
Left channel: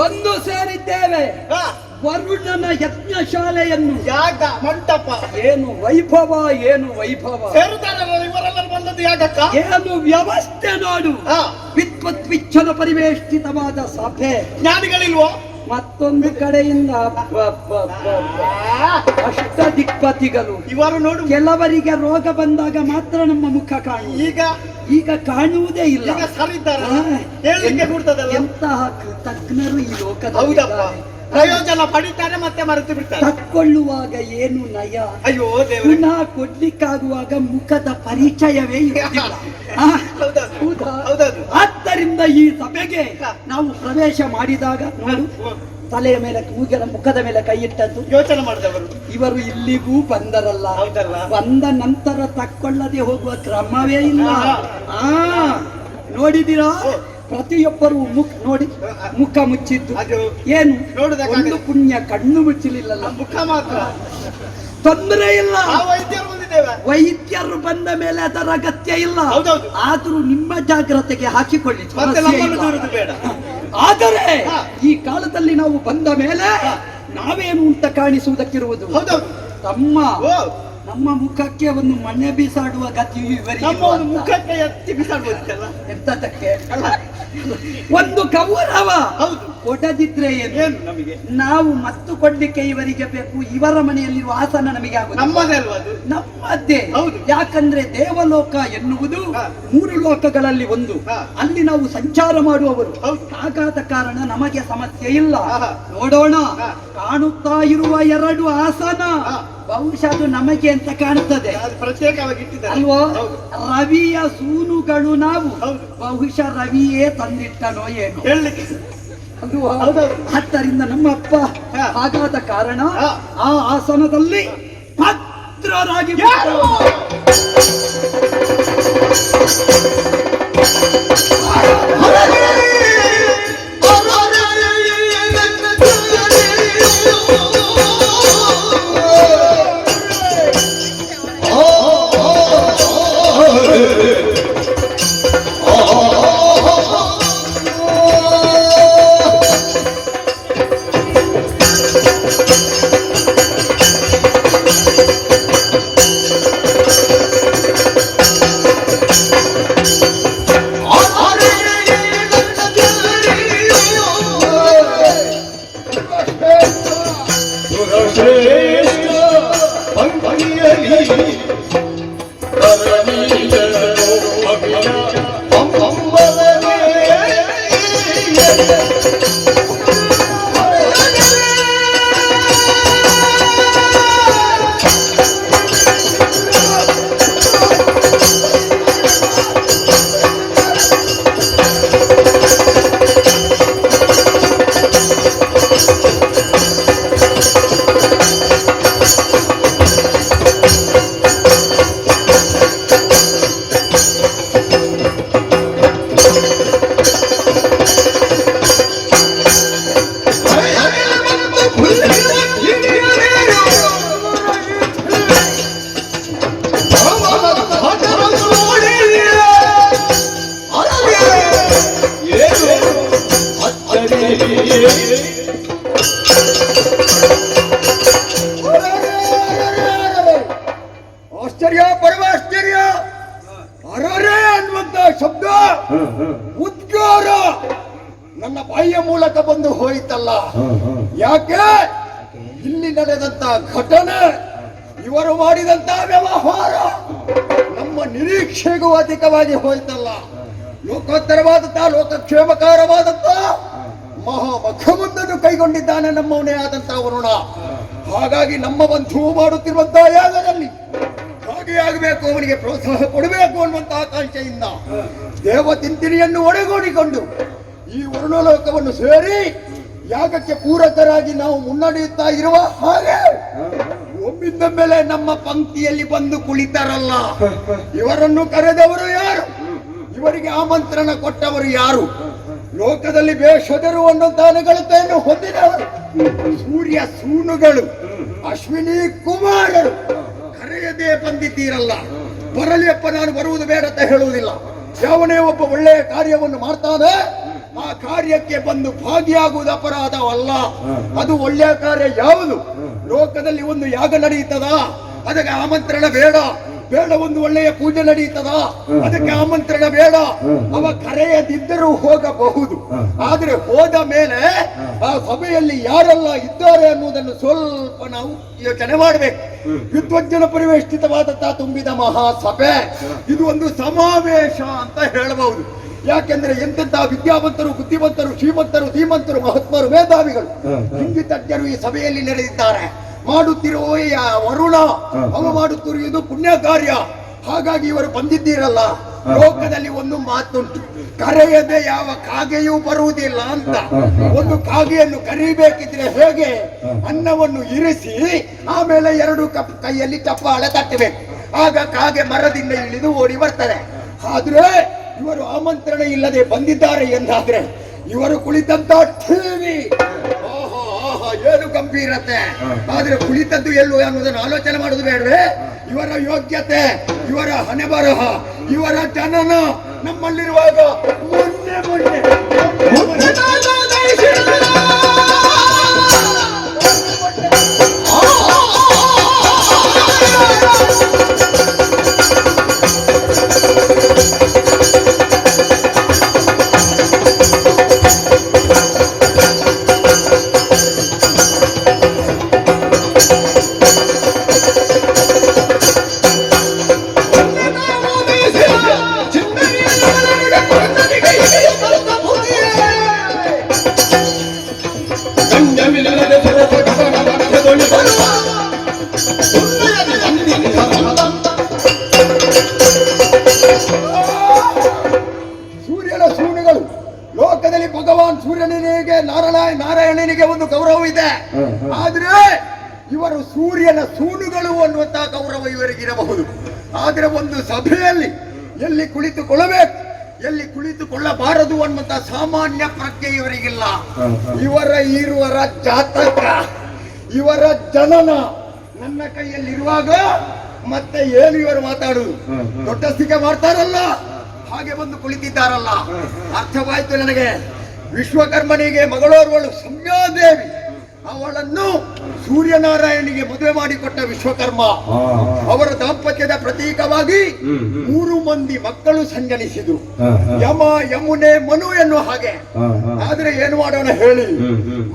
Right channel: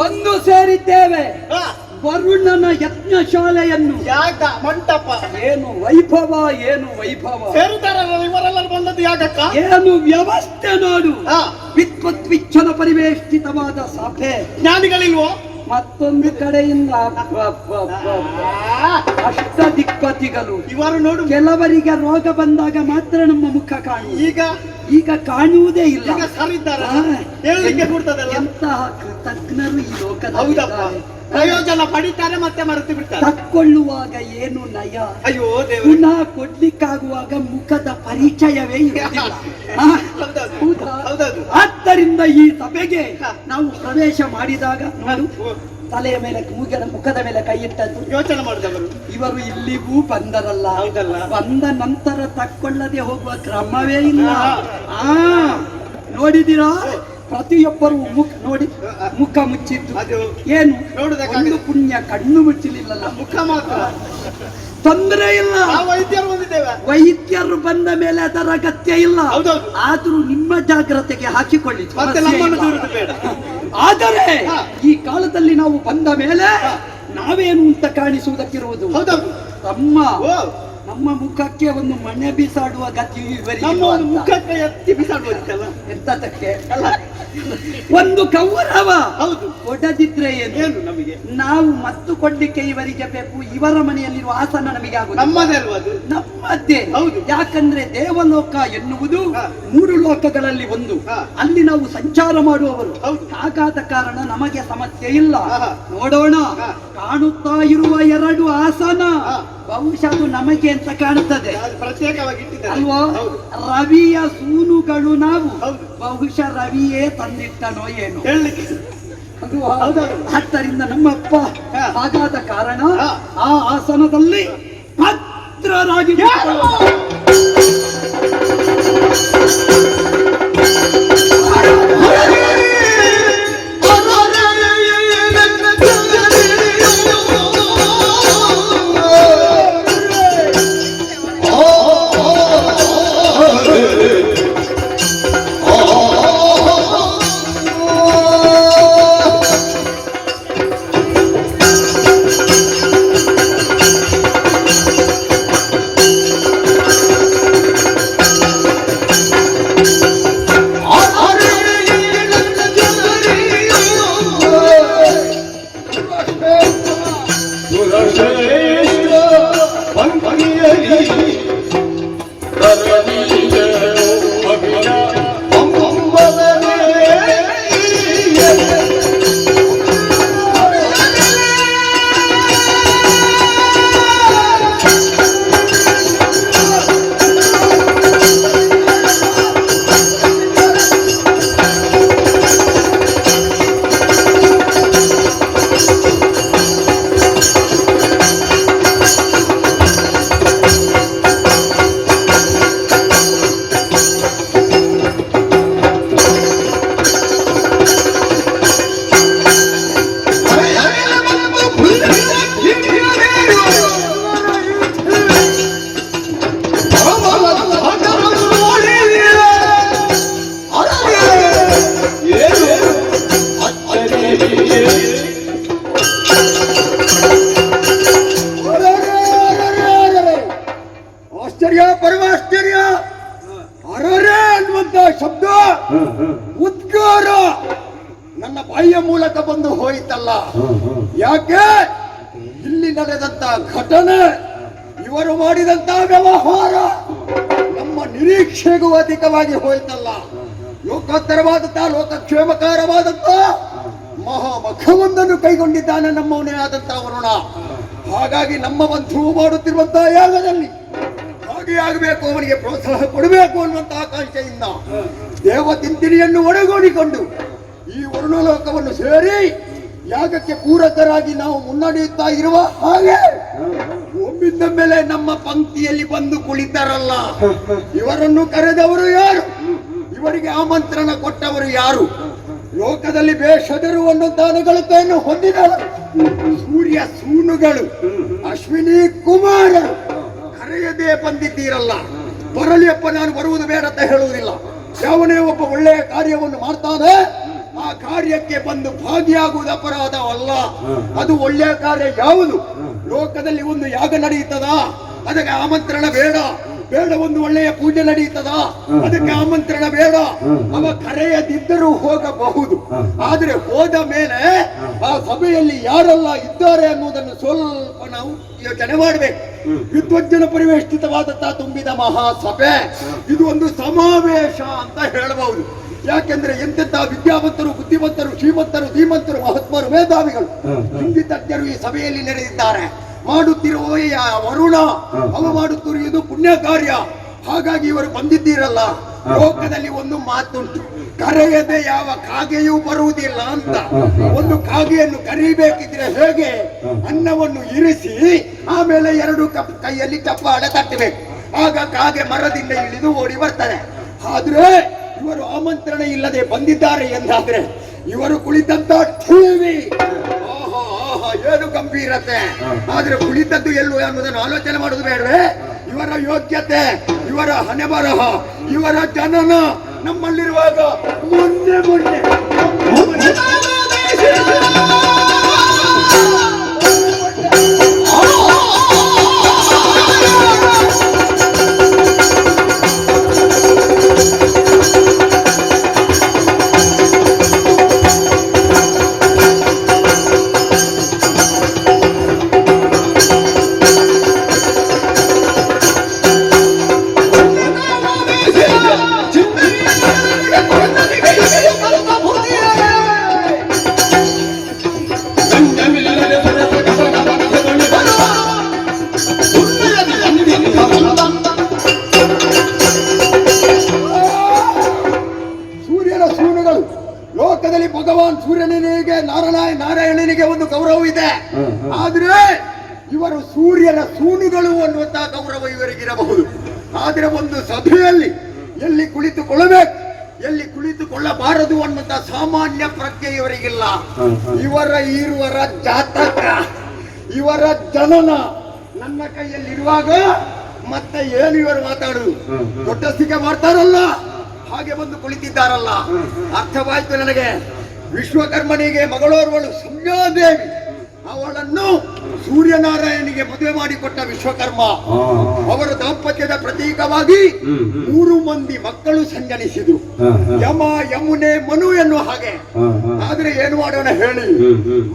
ಒಂದು ಸೇರಿದ್ದೇವೆ ವರುಣನ ಯಜ್ಞಶಾಲೆಯನ್ನು. ಯಾಗ ಮಂಟಪ. ಏನು ವೈಭವ, ಏನು ವೈಭವ. ಸೇರುತ್ತಾರಲ್ಲ ಇವರೆಲ್ಲರೂ ಬಂದದ್ದು ಯಾಗಕ್ಕ? ಏನು ವ್ಯವಸ್ಥೆ ನೋಡು. ವಿದ್ವತ್ವಿಚ್ಛನ ಪರಿವೇಷ್ಟಿತವಾದ ಸಭೆ. ಜ್ಞಾನಿಗಳಿಲ್ವೋ? ಮತ್ತೊಂದು ಕಡೆಯಿಂದ ಅಷ್ಟ ದಿಕ್ಪತಿಗಳು. ಇವರು ನೋಡು, ಕೆಲವರಿಗೆ ರೋಗ ಬಂದಾಗ ಮಾತ್ರ ನಮ್ಮ ಮುಖ ಕಾಣು. ಈಗ ಕಾಣುವುದೇ ಇಲ್ಲ. ಈಗ ಸರಿದ್ದಾರ ಹೇಳಲಿಕ್ಕೆ ಕೊಡ್ತದಲ್ಲ. ಎಂತಹ ತಜ್ಞರು ಈ ಹೌದಪ್ಪ. ಲೋಕದಲ್ಲಿ. ಪ್ರಯೋಜನ ಪಡಿತಾರೆ ಮತ್ತೆ ಮರೆತು ಬಿಡ್ತಾರೆ. ತಕ್ಕೊಳ್ಳುವಾಗ ಏನು ನಯ, ಅಯ್ಯೋ ದೇವ. ಪುನಃ ಕೊಡ್ಲಿಕ್ಕಾಗುವಾಗ ಮುಖದ ಪರಿಚಯವೇ ಇರುವುದಿಲ್ಲ. ಹೌದೌದು. ಆದ್ದರಿಂದ ಈ ಸಭೆಗೆ ನಾವು ಪ್ರವೇಶ ಮಾಡಿದಾಗ ನೋಡು, ತಲೆಯ ಮೇಲೆ ಮುಖದ ಮೇಲೆ ಕೈ ಇಟ್ಟದ್ದು. ಯೋಚನೆ ಮಾಡಿದವರು ಇವರು ಇಲ್ಲಿಗೂ ಬಂದರಲ್ಲ. ಹೌದಲ್ಲ. ಬಂದ ನಂತರ ತಕ್ಕೊಳ್ಳದೆ ಹೋಗುವ ಕ್ರಮವೇ ಇಲ್ಲ. ನೋಡಿದಿರಾ, ಪ್ರತಿಯೊಬ್ಬರು ನೋಡಿ ಮುಖ ಮುಚ್ಚಿದ್ದು. ಏನು ಒಂದು ಪುಣ್ಯ ಕಣ್ಣು ಮುಚ್ಚಲಿಲ್ಲ, ಮುಖ ಮಾತ್ರ. ತೊಂದರೆ ಇಲ್ಲ. ವೈದ್ಯರು ಬಂದಿದ್ದೇವೆ. ವೈದ್ಯರು ಬಂದ ಮೇಲೆ ಅದರ ಅಗತ್ಯ ಇಲ್ಲ. ಆದ್ರೂ ನಿಮ್ಮ ಜಾಗ್ರತೆಗೆ ಹಾಕಿಕೊಳ್ಳಿ. ಬೇಡ. ಆದರೆ ಈ ಕಾಲದಲ್ಲಿ ನಾವು ಬಂದ ಮೇಲೆ ನಾವೇನು ಅಂತ ಕಾಣಿಸುವುದಕ್ಕಿರುವುದು. ತಮ್ಮ ನಮ್ಮ ಮುಖಕ್ಕೆ ಒಂದು ಮನೆ ಬಿಸಾಡುವ ಗತಿಯು ಇವರಿಗೆ. ಮುಖಕ್ಕೆ ಎತ್ತಿ ಬಿಸಾಡುವುದಕ್ಕಲ್ಲ, ಎಂತಕ್ಕೆ ಒಂದು ಗೌರವ. ಹೌದು, ಕೊಡದಿದ್ರೆ ಏನು ನಮಗೆ? ನಾವು ಮತ್ತು ಕೊಡ್ಲಿಕ್ಕೆ ಇವರಿಗೆ ಬೇಕು. ಇವರ ಮನೆಯಲ್ಲಿರುವ ಆಸನ ನಮಗೆ ಆಗುದು. ನಮ್ಮದೇ. ಯಾಕಂದ್ರೆ ದೇವಲೋಕ ಎನ್ನುವುದು 3 ಲೋಕಗಳಲ್ಲಿ ಒಂದು. ಅಲ್ಲಿ ನಾವು ಸಂಚಾರ ಮಾಡುವವರು. ಹಾಗಾದ ಕಾರಣ ನಮಗೆ ಸಮಸ್ಯೆ ಇಲ್ಲ. ನೋಡೋಣ, ಕಾಣುತ್ತಾ ಇರುವ 2 ಆಸನ ಬಹುಶಃ ಅದು ನಮಗೆ ಅಂತ ಕಾಣುತ್ತದೆ ಅಲ್ವಾ? ರವಿಯ ಸೂನುಗಳು ನಾವು. ಬಹುಶಃ ರವಿಯೇ ತಂದಿಟ್ಟನೋ ಏನು ಹೇಳಲಿಕ್ಕೆ. ಆದ್ದರಿಂದ ನಮ್ಮಪ್ಪ ಹಾಗಾದ ಕಾರಣ ಆ ಆಸನದಲ್ಲಿ ಭದ್ರರಾಗಿ ಆಶ್ಚರ್ಯ ಪರಮಾಶ್ಚರ್ಯ ಅರರೆ ಅನ್ನುವಂತ ಶಬ್ದ ಉದ್ಗಾರ ನನ್ನ ಬಾಯಿಯ ಮೂಲಕ ಬಂದು ಹೋಯಿತಲ್ಲ. ಯಾಕೆ ಇಲ್ಲಿ ನಡೆದಂತ ಘಟನೆ, ಇವರು ಮಾಡಿದಂತ ವ್ಯವಹಾರ ನಮ್ಮ ನಿರೀಕ್ಷೆಗೂ ಅಧಿಕವಾಗಿ ಹೋಯ್ತಲ್ಲ. ಲೋಕೋತ್ತರವಾದಂತ ಲೋಕಕ್ಷೇಮಕಾರವಾದಂತ ಮಹಾಮಖವೊಂದನ್ನು ಕೈಗೊಂಡಿದ್ದಾನೆ ನಮ್ಮವನೇ ಆದಂತ ವರುಣ. ಹಾಗಾಗಿ ನಮ್ಮ ಬಂಧು ಮಾಡುತ್ತಿರುವಂತಹ ಯಾಗದಲ್ಲಿ ಹಾಗೆ ಆಗಬೇಕು, ಅವನಿಗೆ ಪ್ರೋತ್ಸಾಹ ಕೊಡಬೇಕು ಅನ್ನುವಂತಹ ಆಕಾಂಕ್ಷೆಯಿಂದ ದೇವತಿಂತಿನಿಯನ್ನು ಒಳಗೂಡಿಕೊಂಡು ಈ ವರುಣಲೋಕವನ್ನು ಸೇರಿ ಯಾಗಕ್ಕೆ ಪೂರಕರಾಗಿ ನಾವು ಮುನ್ನಡೆಯುತ್ತಾ ಇರುವ ಹಾಗೆ ಒಮ್ಮಿಂದ ಮೇಲೆ ನಮ್ಮ ಪಂಕ್ತಿಯಲ್ಲಿ ಬಂದು ಕುಳಿತಾರಲ್ಲ, ಇವರನ್ನು ಕರೆದವರು ಯಾರು? ಇವರಿಗೆ ಆಮಂತ್ರಣ ಕೊಟ್ಟವರು ಯಾರು? ಲೋಕದಲ್ಲಿ ಬೇಷದರು ಅನ್ನುತ್ತಾನಗಳತೆಯನ್ನು ಹೊಂದಿದವರು ಸೂರ್ಯ ಸೂನುಗಳು, ಅಶ್ವಿನಿ ಕುಮಾರರು. ಕರೆಯದೇ ಬಂದಿದ್ದೀರಲ್ಲ, ಬರಲಿಯಪ್ಪ, ನಾನು ಬರುವುದು ಬೇಡ ಅಂತ ಹೇಳುವುದಿಲ್ಲ. ಯಾವನೇ ಒಬ್ಬ ಒಳ್ಳೆಯ ಕಾರ್ಯವನ್ನು ಮಾಡ್ತಾನೆ, ಆ ಕಾರ್ಯಕ್ಕೆ ಬಂದು ಭಾಗಿಯಾಗುವುದು ಅಪರಾಧವಲ್ಲ. ಅದು ಒಳ್ಳೆಯ ಕಾರ್ಯ ಯಾವುದು? ಲೋಕದಲ್ಲಿ ಒಂದು ಯಾಗ ನಡೆಯುತ್ತದ, ಅದಕ್ಕೆ ಆಮಂತ್ರಣ ಬೇಡ. ಬೇಡ, ಒಂದು ಒಳ್ಳೆಯ ಪೂಜೆ ನಡೆಯುತ್ತದ, ಅದಕ್ಕೆ ಆಮಂತ್ರಣ ಬೇಡ. ಅವ ಕರೆಯದಿದ್ದರೂ ಹೋಗಬಹುದು. ಆದ್ರೆ ಹೋದ ಮೇಲೆ ಆ ಸಭೆಯಲ್ಲಿ ಯಾರೆಲ್ಲ ಇದ್ದಾರೆ ಅನ್ನುವುದನ್ನು ಸ್ವಲ್ಪ ನಾವು ಯೋಚನೆ ಮಾಡಬೇಕು. ವಿದ್ವಜ್ಜನ ಪರಿವೇಷ್ಟಿತವಾದಂತಹ ತುಂಬಿದ ಮಹಾಸಭೆ, ಇದು ಒಂದು ಸಮಾವೇಶ ಅಂತ ಹೇಳಬಹುದು. ಯಾಕೆಂದ್ರೆ ಎಂತೆಂತ ವಿದ್ಯಾವಂತರು, ಬುದ್ಧಿವಂತರು, ಶ್ರೀಮಂತರು, ಧೀಮಂತರು, ಮಹಾತ್ಮರು, ಮೇಧಾವಿಗಳು, ಹಿಂದಿ ತಜ್ಞರು ಈ ಸಭೆಯಲ್ಲಿ ನಡೆದಿದ್ದಾರೆ. ಮಾಡುತ್ತಿರುವ ವರುಣ, ಅವ ಮಾಡುತ್ತಿರುವುದು ಪುಣ್ಯ ಕಾರ್ಯ. ಹಾಗಾಗಿ ಇವರು ಬಂದಿದ್ದೀರಲ್ಲ, ಲೋಕದಲ್ಲಿ ಒಂದು ಮಾತುಂಟು, ಕರೆಯದೆ ಯಾವ ಕಾಗೆಯೂ ಬರುವುದಿಲ್ಲ ಅಂತ. ಒಂದು ಕಾಗೆಯನ್ನು ಕರಿಬೇಕಿದ್ರೆ ಹೇಗೆ? ಅನ್ನವನ್ನು ಇರಿಸಿ ಆಮೇಲೆ ಎರಡು ಕೈಯಲ್ಲಿ ಚಪ್ಪಾಳೆ ತಟ್ಟಬೇಕು, ಆಗ ಕಾಗೆ ಮರದಿಂದ ಇಳಿದು ಓಡಿ ಬರ್ತಾರೆ. ಆದ್ರೆ ಇವರು ಆಮಂತ್ರಣ ಇಲ್ಲದೆ ಬಂದಿದ್ದಾರೆ ಎಂದಾದ್ರೆ ಇವರು ಕುಳಿತಂತ ಟಿವಿ, ಏನು ಗಂಭೀರತೆ! ಆದ್ರೆ ಕುಳಿತದ್ದು ಎಲ್ಲೂ ಅನ್ನೋದನ್ನು ಆಲೋಚನೆ ಮಾಡೋದು ಬೇಡ್ರೆ. ಇವರ ಯೋಗ್ಯತೆ, ಇವರ ಹಣೆ ಬರಹ, ಇವರ ಜನನ ನಮ್ಮಲ್ಲಿರುವಾಗ ಮೊನ್ನೆ ಸೂರ್ಯನ ಸೂನುಗಳು. ಲೋಕದಲ್ಲಿ ಭಗವಾನ್ ಸೂರ್ಯನಿಗೆ, ನಾರಾಯಣನಿಗೆ ಒಂದು ಗೌರವ ಇದೆ. ಆದ್ರೆ ಇವರು ಸೂರ್ಯನ ಸೂನುಗಳು ಅನ್ನುವಂತಹ ಗೌರವ ಇವರಿಗಿರಬಹುದು. ಆದ್ರೆ ಒಂದು ಸಭೆಯಲ್ಲಿ ಎಲ್ಲಿ ಕುಳಿತುಕೊಳ್ಳಬೇಕು, ಎಲ್ಲಿ ಕುಳಿತುಕೊಳ್ಳಬಾರದು ಅನ್ನುವಂತಹ ಸಾಮಾನ್ಯ ಪ್ರಜ್ಞೆ ಇವರಿಗಿಲ್ಲ. ಇವರ ಜಾತಕ, ಇವರ ಜನನ ನನ್ನ ಕೈಯಲ್ಲಿರುವಾಗ ಮತ್ತೆ ಏನು ಇವರು ಮಾತಾಡುದು? ದೊಡ್ಡಸ್ತಿಕೆ ಮಾಡ್ತಾರಲ್ಲ, ಹಾಗೆ ಬಂದು ಕುಳಿತಿದ್ದಾರಲ್ಲ. ಅರ್ಥವಾಯ್ತು ನನಗೆ. ವಿಶ್ವಕರ್ಮನಿಗೆ ಮಗಳೋರ್ವಳು ಸಂಜ್ಞಾದೇವಿ, ಅವಳನ್ನು ಸೂರ್ಯನಾರಾಯಣಿಗೆ ಮದುವೆ ಮಾಡಿಕೊಟ್ಟ ವಿಶ್ವಕರ್ಮ. ಅವರ ದಾಂಪತ್ಯದ ಪ್ರತೀಕವಾಗಿ 3 ಮಂದಿ ಮಕ್ಕಳು ಸಂಜನಿಸಿದ್ರು, ಯಮ, ಯಮುನೆ, ಮನು ಎನ್ನುವ ಹಾಗೆ. ಆದ್ರೆ ಏನು ಮಾಡೋಣ ಹೇಳಿ,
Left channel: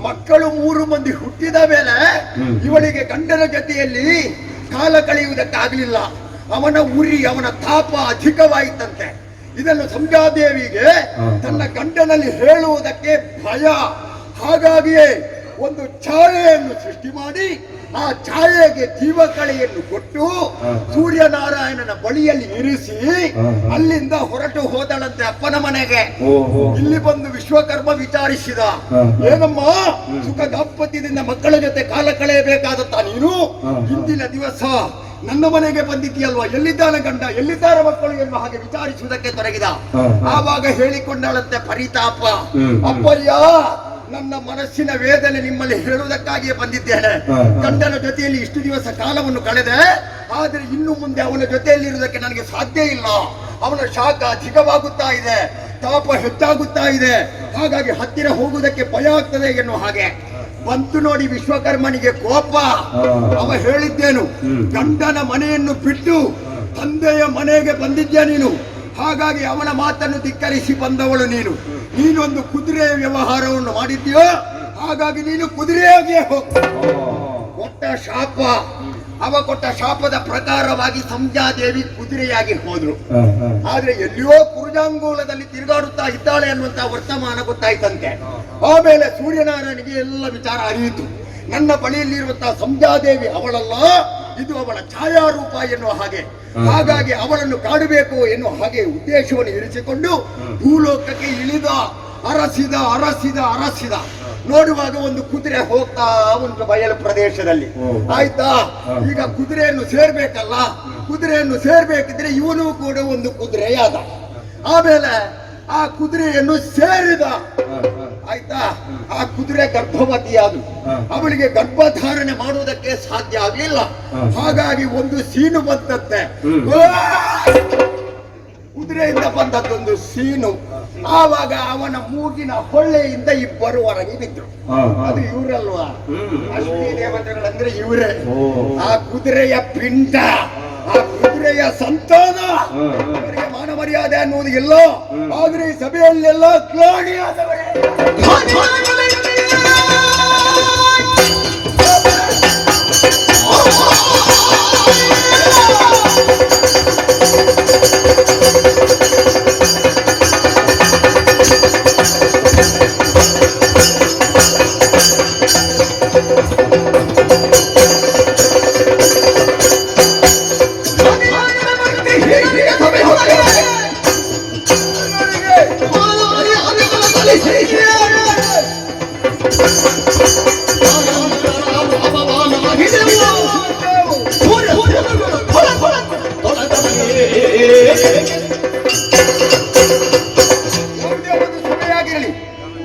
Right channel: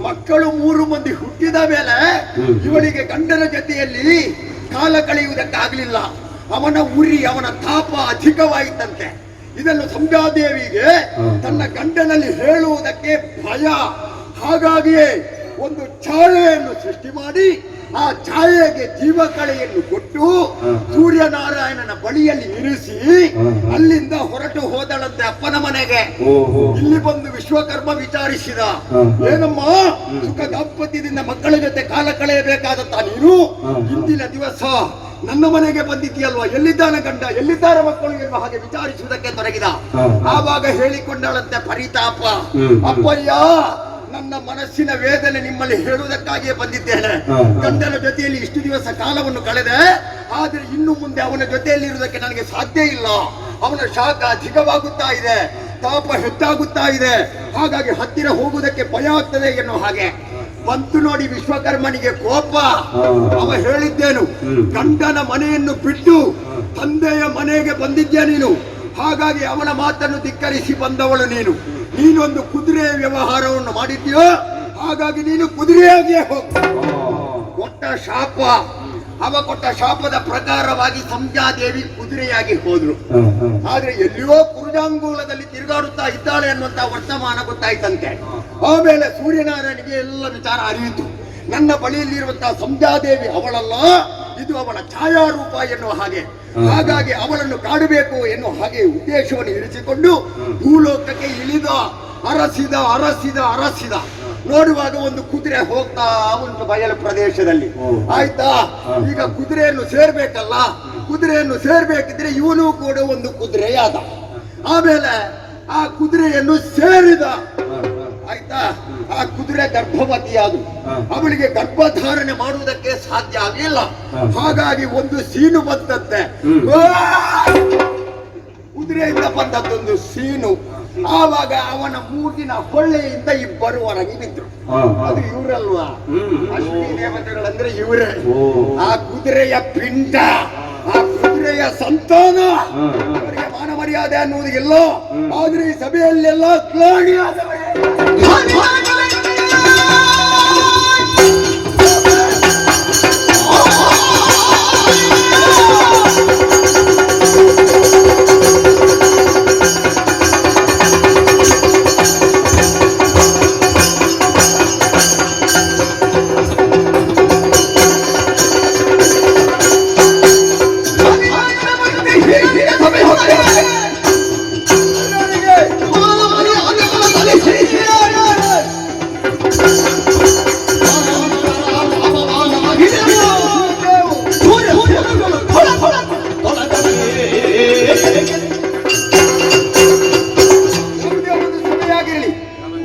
ಮಕ್ಕಳು 3 ಮಂದಿ ಹುಟ್ಟಿದ ಮೇಲೆ ಇವಳಿಗೆ ಗಂಡನ ಜೊತೆಯಲ್ಲಿ ಕಾಲ ಕಳೆಯುವುದಕ್ಕಾಗಲಿಲ್ಲ. ಅವನ ಉರಿ, ಅವನ ತಾಪ ಅಧಿಕವಾಯಿತಂತೆ. ಇದನ್ನು ಸಂಧ್ಯಾದೇವಿಗೆ ತನ್ನ ಗಂಡನಲ್ಲಿ ಹೇಳುವುದಕ್ಕೆ ಭಯ. ಹಾಗಾಗಿಯೇ ಒಂದು ಛಾಯೆಯನ್ನು ಸೃಷ್ಟಿ ಮಾಡಿ ಆ ಛಾಯೆಗೆ ಜೀವಕಳೆಯನ್ನು ಕೊಟ್ಟು ಸೂರ್ಯನಾರಾಯಣನ ಬಳಿಯಲ್ಲಿ ಇರಿಸಿ ಅಲ್ಲಿಂದ ಹೊರಟು ಹೋದಳಂತೆ ಅಪ್ಪನ ಮನೆಗೆ. ಇಲ್ಲಿ ಬಂದು ವಿಶ್ವಕರ್ಮ ವಿಚಾರಿಸಿದ, ಏನಮ್ಮ ಸುಖ ದಾಂಪತ್ಯದಿಂದ ಮಕ್ಕಳ ಜೊತೆ ಕಾಲ ಕಳೆಯಬೇಕಾದತ್ತ ನೀನು ಇಂದಿನ ದಿವಸ ನನ್ನ ಮನೆಗೆ ಬಂದಿದ್ದೀಯಲ್ವಾ, ಎಲ್ಲಿದ್ದಾನೆ ಗಂಡ, ಎಲ್ಲಿದ್ದಾರೆ ಮಕ್ಕಳು ಎನ್ನುವ ಹಾಗೆ ವಿಚಾರಿಸುವುದಕ್ಕೆ ತೊಡಗಿದ. ಆವಾಗ ಹೇಳಿಕೊಂಡಳಂತೆ ಪರಿತಾಪ, ಅಪ್ಪಯ್ಯ ನನ್ನ ಮನಸ್ಸಿನ ವೇದನೆ ನಿಮ್ಮಲ್ಲಿ ಹೇಳುವುದಕ್ಕಾಗಿಯೇ ಬಂದಿದ್ದೇನೆ. ಗಂಡನ ಜೊತೆಯಲ್ಲಿ ಇಷ್ಟು ದಿವಸ ಕಾಲವನ್ನು ಕಳೆದೆ, ಆದರೆ ಇನ್ನು ಮುಂದೆ ಅವನ ಜೊತೆಯಲ್ಲಿ ಇರುವುದಕ್ಕೆ ನನಗೆ ಸಾಧ್ಯ ಇಲ್ಲ. ಅವನ ಶಾಖ ಅಧಿಕವಾಗುತ್ತಾ ಇದೆ, ತಾಪ ಹೆಚ್ಚಾಗುತ್ತಾ ಇದೆ, ಹಾಗಾಗಿ ಹತ್ತಿರ ಹೋಗುವುದಕ್ಕೆ ಭಯ ಆಗ್ತದೆ ಎನ್ನುವ ಹಾಗೆ ಬಂತು. ನೋಡಿ ವಿಶ್ವಕರ್ಮನಿಗೆ ಕೋಪ. ಅವ ಹೇಳಿದ್ದೇನು, ಗಂಡನ ಮನೆಯನ್ನು ಬಿಟ್ಟು ತಂದೆಯ ಮನೆಗೆ ಬಂದಿದ್ಯಾ ನೀನು, ಹಾಗಾಗಿ ಅವನ ಮಾತನ್ನು ಧಿಕ್ಕರಿಸಿ ಬಂದವಳು ನೀನು. ನೀನೊಂದು ಕುದುರೆಯ ವ್ಯವಹಾರವನ್ನು ಮಾಡಿದ್ಯೋ, ಹಾಗಾಗಿ ನೀನು ಕುದುರೆಯಾಗಿಯೇ ಹೋಗ್ತ. ಕೊಟ್ಟ ಶಾಪ, ಅವ ಕೊಟ್ಟ ಶಾಪದ ಪ್ರಕಾರವಾಗಿ ಸಂಧ್ಯಾದೇವಿ ಕುದುರೆಯಾಗಿ ಹೋದ್ಳು. ಆದ್ರೆ ಎಲ್ಲಿಯೋ ಕುರುಜಾಂಗೂಲದಲ್ಲಿ ತಿರುಗಾಡುತ್ತಾ ಇದ್ದಾಳೆ ಅನ್ನುವಂತ ವರ್ತಮಾನ ಗೊತ್ತಾಯ್ತಂತೆ. ಆಮೇಲೆ ಸೂರ್ಯನಾರಾಯಣಿಗೆ ಎಲ್ಲ ವಿಚಾರ ಅರಿಯಿತು. ನನ್ನ ಬಳಿಯಲ್ಲಿರುವಂತಹ ಸಂಧ್ಯಾದೇವಿ ಅವಳಲ್ಲ, ಇದು ಅವಳ ಛಾಯಾರೂಪ ಎನ್ನುವ ಹಾಗೆ. ಹಾಗಾಗಿ ಅವಳನ್ನು ಕಾಣಬೇಕು ಎನ್ನುವ ಹಾಗೆ ಉದ್ದೇಶವನ್ನು ಇರಿಸಿಕೊಂಡು ಭೂಲೋಕಕ್ಕೆ ಇಳಿದ. ಅರಸಿದ ಅರಸಿದ ಅರಸಿದ. ನೋಡುವಾಗ ಒಂದು ಕುದುರೆ ಹೋಗ್ತಾ ಒಂದು ಬಯಲು ಪ್ರದೇಶದಲ್ಲಿ. ಆಯ್ತಾ, ಈಗ ಕುದುರೆಯನ್ನು ಸೇರ್ಬೇಕಲ್ಲ, ಕುದುರೆಯನ್ನು ಸೇರ್ಬೇಕಿದ್ರೆ ಇವನು ಕೂಡ ಒಂದು ಕುದುರೆಯಾದ. ಆಮೇಲೆ ಆ ಕುದುರೆಯನ್ನು ಸೇರಿದ. ಆಯ್ತಾ, ಆ ಕುದುರೆ ಗರ್ಭವತಿಯಾದ. ಅವಳಿಗೆ ಗರ್ಭಧಾರಣೆ ಮಾಡುವುದಕ್ಕೆ ಸಾಧ್ಯ ಆಗಲಿಲ್ಲ. ಹಾಗಾಗಿ ಒಂದು ಸೀನು ಬಂತಂತೆ, ಕುದುರೆಯಿಂದ ಬಂದದ್ದೊಂದು ಸೀನು. ಆವಾಗ ಅವನ ಮೂಗಿನ ಹೊಳ್ಳೆಯಿಂದ ಇಬ್ಬರು ಹೊರಗೆ ಬಿದ್ರು. ಅದು ಇವರಲ್ವಾ, ಅಶ್ವಿನಿ ದೇವತೆಗಳಂದ್ರೆ ಇವರೇ. ಆ ಕುದುರೆಯ ಪಿಂಡ, ಆ ಕುದುರೆಯ ಸಂತಾನ. ಅವರಿಗೆ ಮಾನ ಮರ್ಯಾದೆ ಅನ್ನುವುದು ಎಲ್ಲೋ, ಆದ್ರೆ ಈ ಸಭೆಯಲ್ಲೆಲ್ಲ ಗ್ಲಾಣಿಯಾದವರೇ.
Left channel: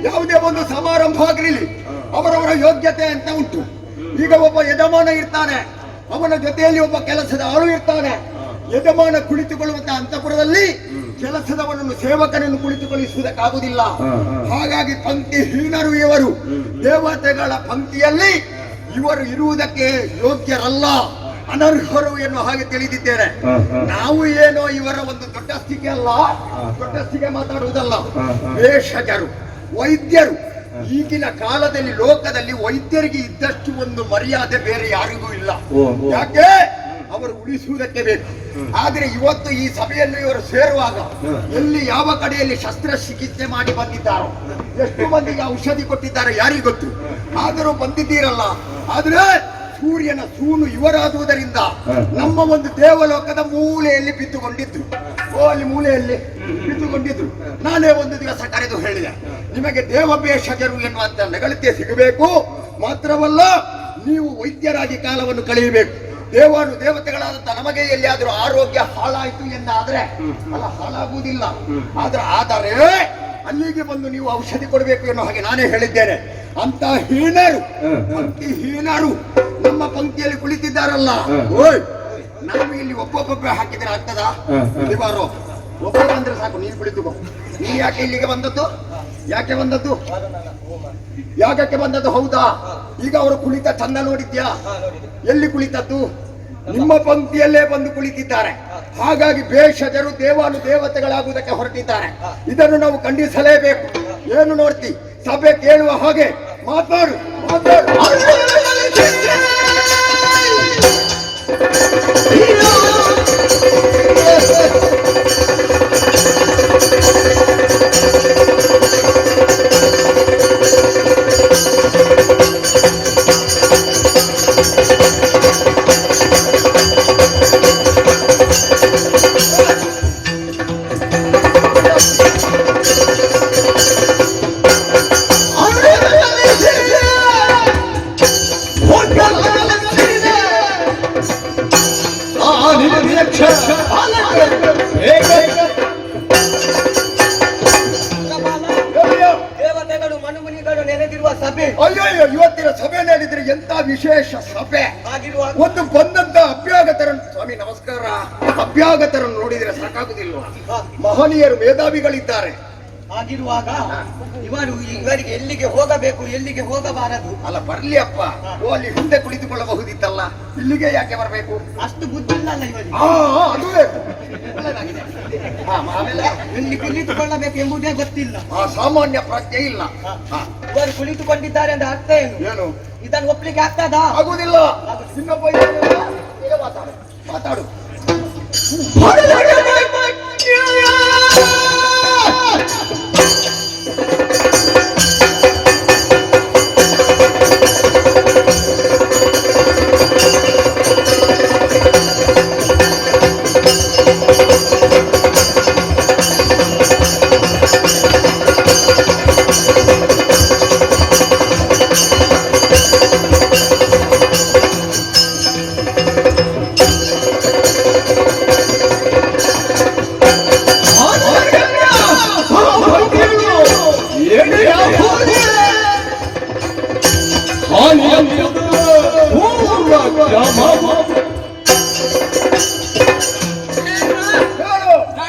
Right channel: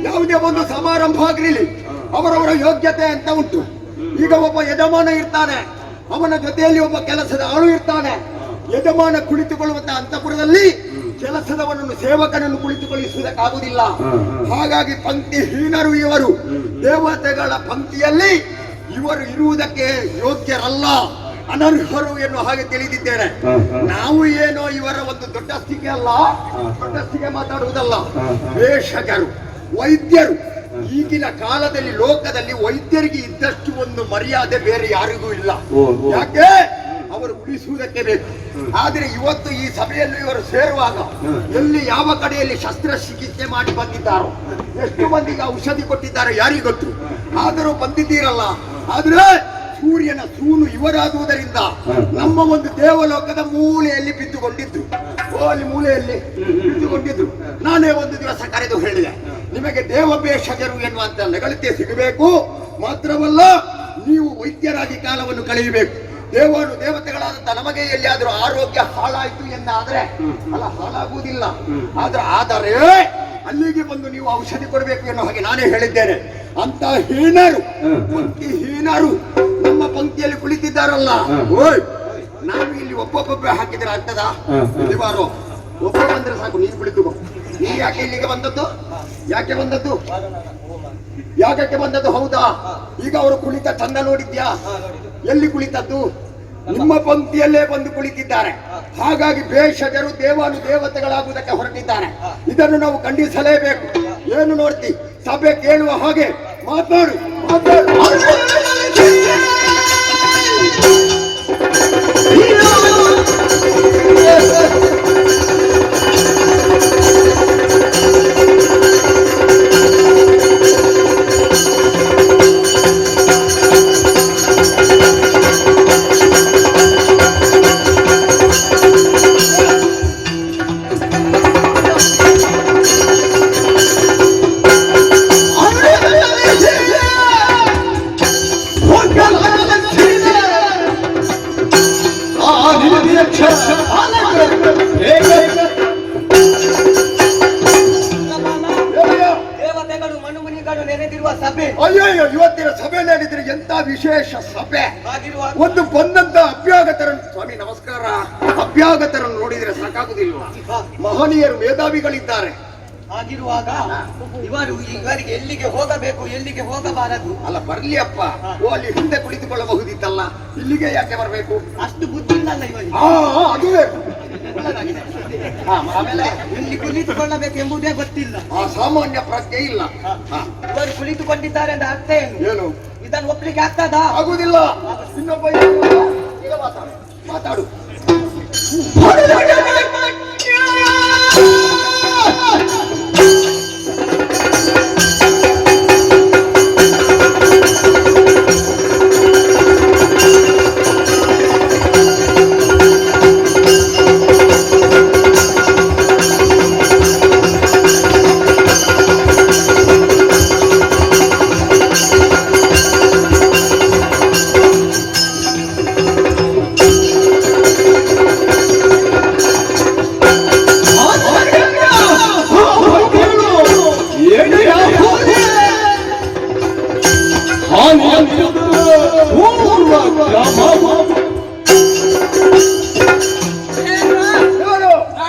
ಯಾವುದೇ ಒಂದು ಸಮಾರಂಭ ಆಗಿರಲಿ, ಅವರವರ ಯೋಗ್ಯತೆ ಅಂತ ಉಂಟು. ಈಗ ಒಬ್ಬ ಯಜಮಾನ ಇರ್ತಾನೆ, ಅವನ ಜೊತೆಯಲ್ಲಿ ಒಬ್ಬ ಕೆಲಸದ ಆಳು ಇರ್ತಾನೆ. ಯಜಮಾನ ಕುಳಿತುಕೊಳ್ಳುವಂತಹ ಅಂತಃಪುರದಲ್ಲಿ ಕೆಲಸದವನನ್ನು, ಸೇವಕನನ್ನು ಕುಳಿತುಕೊಳ್ಳಿಸುವುದಕ್ಕಾಗುವುದಿಲ್ಲ. ಹಾಗಾಗಿ ಪಂಕ್ತಿ ಹೀನರು ಇವರು. ದೇವತೆಗಳ ಪಂಕ್ತಿಯಲ್ಲಿ ಇವರು ಇರುವುದಕ್ಕೆ ಯೋಗ್ಯರಲ್ಲ, ಅನರ್ಹರು ಎನ್ನುವ ಹಾಗೆ ತಿಳಿದಿದ್ದೇನೆ. ನಾವು ಏನೋ ಇವರ ಒಂದು ದೊಡ್ಡಸ್ತಿಗೆ ಅಲ್ಲ, ದೊಡ್ಡಸ್ತಿಗೆ ಮಾತಾಡುವುದಲ್ಲ. ವೇಷಕರು, ವೈದ್ಯರು. ಈಗಿನ ಕಾಲದಲ್ಲಿ ಲೋಕದಲ್ಲಿ ವೈದ್ಯರಿಗೆ ಇದ್ದಷ್ಟು ಒಂದು ಮರ್ಯಾದೆ ಬೇರೆ ಯಾರಿಗೂ ಇಲ್ಲ. ಯಾಕೆ, ಅವರು ಉಳಿಸುವುದಕ್ಕೆ ಬೇಕು. ಆದ್ರೆ ಇವತ್ತು ಈ ಸಭೆಯಲ್ಲಿ ಇವರು ಸೇರುವಾಗ ಎಲ್ಲಿ ಯಾವ ಕಡೆಯಲ್ಲಿ ಶಸ್ತ್ರಚಿಕಿತ್ಸೆ ಮಾಡಿ ಬಂದಿದ್ದಾರೋ, ಎಷ್ಟು ಮಂದಿಗೆ ಔಷಧಿ ಕೊಟ್ಟಿದ್ದಾರೆ ಯಾರಿಗೂ ಗೊತ್ತು. ಆದರೂ ಬಂದಿದ್ದೀರಲ್ಲ. ಆದ್ರೆ ಸೂರ್ಯನ ಸೂನು ಇವರಾಗುವುದರಿಂದ ನಮ್ಮ ಒಂದು ದೇವಲೋಕದ ಮೂಲೆಯಲ್ಲಿ ಬಿದ್ದುಕೊಂಡಿದ್ರು. ಅಲ್ಲಿ ಮೂಲೆಯಲ್ಲಿ ಬಿದ್ದುಕೊಂಡಿದ್ರು. ನಾನೇ ಒಂದು ದಿವಸ ಕರೆದು ಹೇಳಿದೆ, ನಿಮಗೆ ದೇವಭೇಷಜರು ಎನ್ನುವಂತ ನೆಗಳತೆ ಸಿಗಬೇಕು. ಮಾತ್ರವಲ್ಲ, ನೀವು ವೈದ್ಯರಾಗಿ ಕಾಲವನ್ನು ಕಳೆಯಬೇಕು. ದೇವಾನು ದೇವತೆಗಳಾದಂತ ನಮಗೆ ಎಲ್ಲಿಯಾದರೂ ಆರೋಗ್ಯ ಹಾಳಾಯಿತು ಎಂದಾದ್ರೆ ಅಲ್ಲ, ಹಾಳಾಗುವುದಿಲ್ಲ. ಆದರೆ ಅಲ್ಲಿಗೆ ಬಂದು ನೀವು ಔಷಧಿ ಕೊಡಬೇಕು ಎನ್ನುವ ಹಾಗೆ ನಾನೇ ಹೇಳಿದ್ದೇನೆ. ಅಂತ ಹೀನರು, ಪಂಕ್ತಿ ಹೀನರು ನಮ್ಮ ಪಂಕ್ತಿಯಲ್ಲಿ ಕುಳಿತಿದ್ದಾರಲ್ಲ. ಓಯ್, ನಾವು ಇಲ್ಲಿ ಒಬ್ಬೊಬ್ಬ ಹಾಕಿದ್ರೆ ಆಗ್ತದ? ಇಲ್ಲಿ ಬಾರೋ, ಒಬ್ಬ ಬಂದ್ರೆ ಸಾಕು, ನೀನು ಕುಳಿತುಕೋ. ನೀನು ಯಾಕೆ ಇಲ್ಲಿಗೆ ಬಂದದ್ದು? ಯಾಕೆ ಬಂದದ್ದು? ಯಾಕೆ ಬಂದದ್ದು? ಹೌದಾ? ಈಗ ಅವರು ಕುಳಿತ ಚಂದ ನೋಡಿದ್ಯಾ? ಎಲ್ಲಿ ಕುಳಿತದ್ದು? ನಿಮ್ಮ ಪಂಕ್ತಿಯಲ್ಲೇ ಬಂದು ಕುಳಿತಿದ್ದಾರೆ. ಹಾಗಾಗಿ ಭೇಷಜರು ದೇವಾನು ದೇವತೆಗಳಾಗುವುದಕ್ಕೆ ಹೊರಟಿದ್ದಾರೆ. ಇದನ್ನು ನಾವು ಖಂಡಿಸಲೇಬೇಕು. ಏನು ನೋಡ್ತಿ? ಸಭೆ ಕೇಳುವ ಹಾಗೆ ಮಾತಾಡು, ಮಾತಾಡು. ಋಷಿಗಳು ಮನುಮುನಿಗಳು ನೆನೆದಿರುವ ಸಭೆ. ಅಯ್ಯೋ ಇವತ್ತಿನ ಸಭೆ ನಡೆದ್ರೆ ಎಂತ ವಿಶೇಷ ಸಭೆ. ಹಾಗಿರುವಾಗ ಒಂದು ಬಂದಂತ ಅಭ್ಯಾಗತರನ್ನು, ಸ್ವಾಮಿ ನಮಸ್ಕಾರ, ಅಭ್ಯಾಗತರನ್ನು ನೋಡಿದ್ರೆ ಸಾಕಾಗುದಿಲ್ವಾ? ಮಹನೀಯರು ಮೇಧಾವಿಗಳಿದ್ದಾರೆ. ಹಾಗಿರುವಾಗ ಇವರಿಗೆ ಎಲ್ಲಿಗೆ ಹೋಗಬೇಕು, ಎಲ್ಲಿಗೆ ಹೋಗಬಾರದು? ಅಲ್ಲ ಬರ್ಲಿ ಅಪ್ಪ, ಓ ಅಲ್ಲಿ ಹಿಂದೆ ಕುಳಿತುಕೊಳ್ಳಬಹುದಿತ್ತಲ್ಲ, ಇಲ್ಲಿಗೆ ಯಾಕೆ ಬರಬೇಕು? ಅಷ್ಟು ಬುದ್ಧಿ ಇಲ್ಲಲ್ಲ ಇವರಿಗೆ. ಅದುವೇ ಒಳ್ಳೆದಾಗಿದೆ. ಆಮೇಲೆ ಇಲ್ಲಿ ಕುಳಿತುಕೊಳ್ಳಬೇಕು ಎಂಬುದೇ ಗೊತ್ತಿಲ್ಲ. ಆ ಸಾಮಾನ್ಯ ಪ್ರಜ್ಞೆ ಇಲ್ಲ. ಇವರು ಕುಳಿತುಕೊಂಡಿದ್ದಾರೆ ಅಂತ ಅರ್ಥ ಏನು? ಏನು ಇದನ್ನು ಒಪ್ಲಿಕ್ಕೆ ಆಗ್ತದಾ? ಆಗುದಿಲ್ಲ. ಇನ್ನೊಬ್ಬ ಈಗ ಮಾತಾಡು.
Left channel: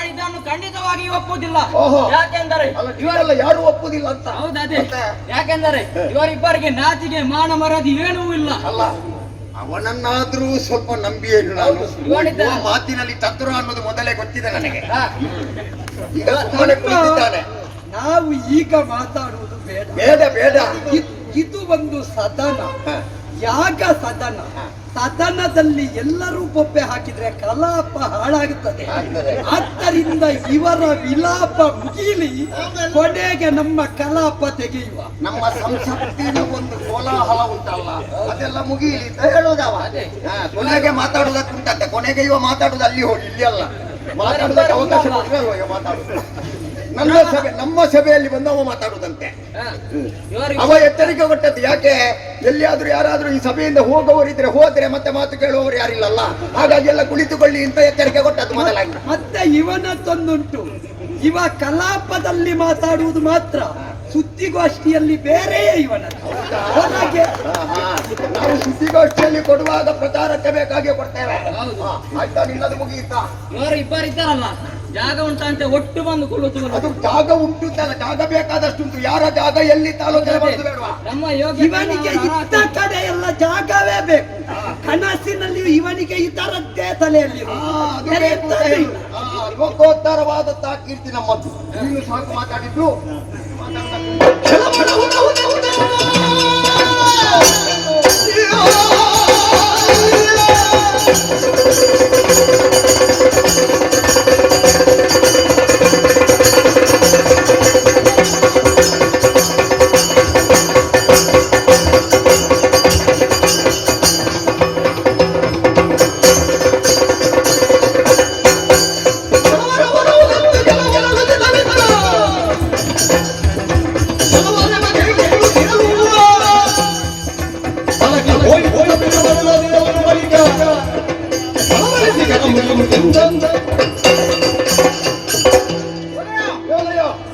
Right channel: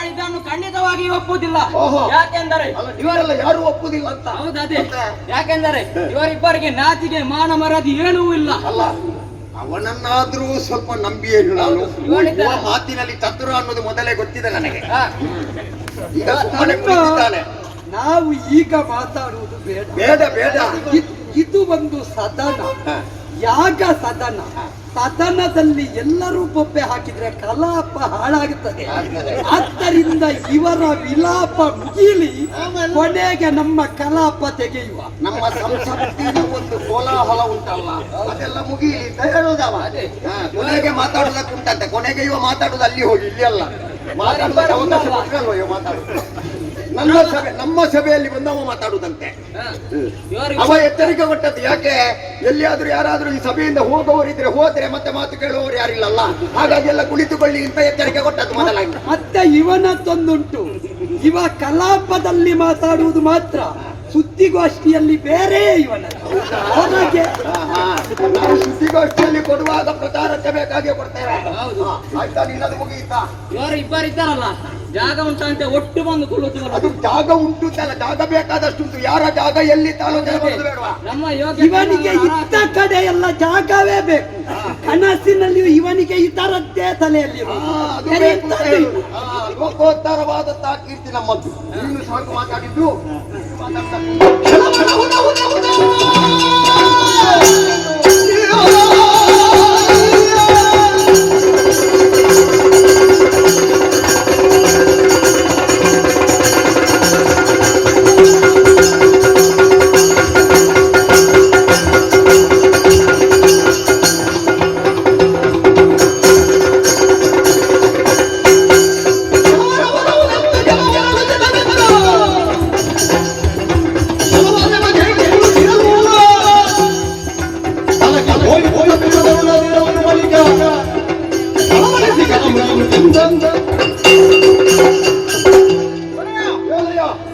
ಇದನ್ನು ಖಂಡಿತವಾಗಿ ಒಪ್ಪುವುದಿಲ್ಲ. ಓಹೋ. ಯಾಕೆಂದರೆ ಇವರೆಲ್ಲ ಯಾರು ಒಪ್ಪುದಿಲ್ಲ ಅಂತ. ಹೌದದೇ, ಯಾಕೆಂದರೆ ಇವರಿಬ್ಬರಿಗೆ ನಾಚಿಗೆ ಮಾನ ಮರದಿ ಏನೂ ಇಲ್ಲ. ಅಲ್ಲ, ಅವನನ್ನಾದ್ರೂ ಸ್ವಲ್ಪ ನಂಬಿಯೇ ನಾನು. ಇವನಿದ್ದಾನೆ. ಆ ಮಾತಿನಲ್ಲಿ ಚತುರ ಅನ್ನೋದು ಮೊದಲೇ ಗೊತ್ತಿದೆ ನನಗೆ. ಈಗ ಸುಮ್ಮನೆ ಕುಳಿತಿದ್ದಾನೆ. ನಾವು ಈಗ ಮಾತಾಡುವುದು ಬೇಡ. ಬೇಡ ಬೇಡ. ಇದು ಒಂದು ಸದನ, ಹ. ಯಾಗ ಸದನ. ಸದನದಲ್ಲಿ ಎಲ್ಲರೂ ಬೊಬ್ಬೆ ಹಾಕಿದ್ರೆ ಕಲಾಪ ಹಾಳಾಗುತ್ತದೆ. ಆಗ್ತದೆ. ಆದ್ದರಿಂದ ಇವರ ವಿಲಾಪ ಮುಗಿಲಿ, ಕೊನೆಗೆ ನಮ್ಮ ಕಲಾಪ ತೆಗೆಯುವ. ನಮ್ಮ ಸಂಸತ್ತಿನ ಒಂದು ಕೋಲಾಹಲ ಉಂಟಲ್ಲ, ಅದೆಲ್ಲ ಮುಗಿಲಿ ಅಂತ ಹೇಳೋದವ. ಕೊನೆಗೆ ಮಾತಾಡುವುದಕ್ಕುಂಟಂತೆ. ಕೊನೆಗೆ ಇವ ಮಾತಾಡುದು ಅಲ್ಲಿ ಹೋಗಿ, ಇಲ್ಲಿ ಅಲ್ಲ. ಮಾತಾಡುದಕ್ಕೆ ಅವಕಾಶ ಕೊಟ್ಟರೆ ಅಲ್ವ ಇವ ಮಾತಾಡುದು. ನಮ್ಮ ಸಭೆಯಲ್ಲಿ ಬಂದವ ಮಾತಾಡುದಂತೆ. ಅವ ಎಚ್ಚರಿಕೆ ಕೊಟ್ಟದ್ದು ಯಾಕೆ? ಎಲ್ಲಿಯಾದ್ರೂ ಯಾರಾದ್ರೂ ಈ ಸಭೆಯಿಂದ ಹೋಗುವವರಿದ್ರೆ ಹೋದ್ರೆ ಮತ್ತೆ ಮಾತು ಕೇಳುವವರು ಯಾರಿಲ್ಲಲ್ಲ, ಹಾಗಾಗಿ ಎಲ್ಲ ಕುಳಿತುಕೊಳ್ಳಿ ಅಂತ ಎಚ್ಚರಿಕೆ ಕೊಟ್ಟದ್ದು ಮೊದಲಾಗಿ. ಮತ್ತೆ ಇವನದ್ದೊಂದುಂಟು, ಇವ ಕಲಾಪದಲ್ಲಿ ಮಾತಾಡುವುದು ಮಾತ್ರ, ಸುದ್ದಿಗೋಷ್ಠಿಯಲ್ಲಿ ಬೇರೆಯೇ ಇವನ. ಹೊರಗೆ ನಾವು ಸುದ್ದಿಗೋಷ್ಠಿಯಲ್ಲಿ ಕೊಡುವಾಗ ಪ್ರಚಾರಕ್ಕೆ ಬೇಕಾಗಿ ಕೊಡ್ತೇವೆ. ಆಯ್ತಾ, ನಿನ್ನದು ಮುಗಿಯಿತಾ? ಇವರು ಇಬ್ಬರಿದ್ದಾರಲ್ಲ, ಜಾಗ ಉಂಟಂತೆ ಒಟ್ಟು ಬಂದು ಕುಳಿತು. ಅದು ಜಾಗ ಉಂಟು ಅಂತಲ್ಲ, ಜಾಗ ಬೇಕಾದಷ್ಟು ಉಂಟು. ಯಾರ ಜಾಗ ಎಲ್ಲಿ ಆಲೋಚನೆ ಮಾಡೋದು ಬೇಡವಾ? ನಮ್ಮ ಇವನಿಗೆ ಇದ್ದ ಕಡೆ ಎಲ್ಲ ಜಾಗವೇ ಬೇಕು. ಕನಸಿನಲ್ಲಿಯೂ ಇವನಿಗೆ ಇದರದ್ದೇ ತಲೆಯಲ್ಲಿ ಲೋಕೋತ್ತರವಾದಂತಹ ಕೀರ್ತಿ ನಮ್ಮದ್ದು. ನೀನು ಸಾಕು ಮಾತಾಡಿದ್ದು.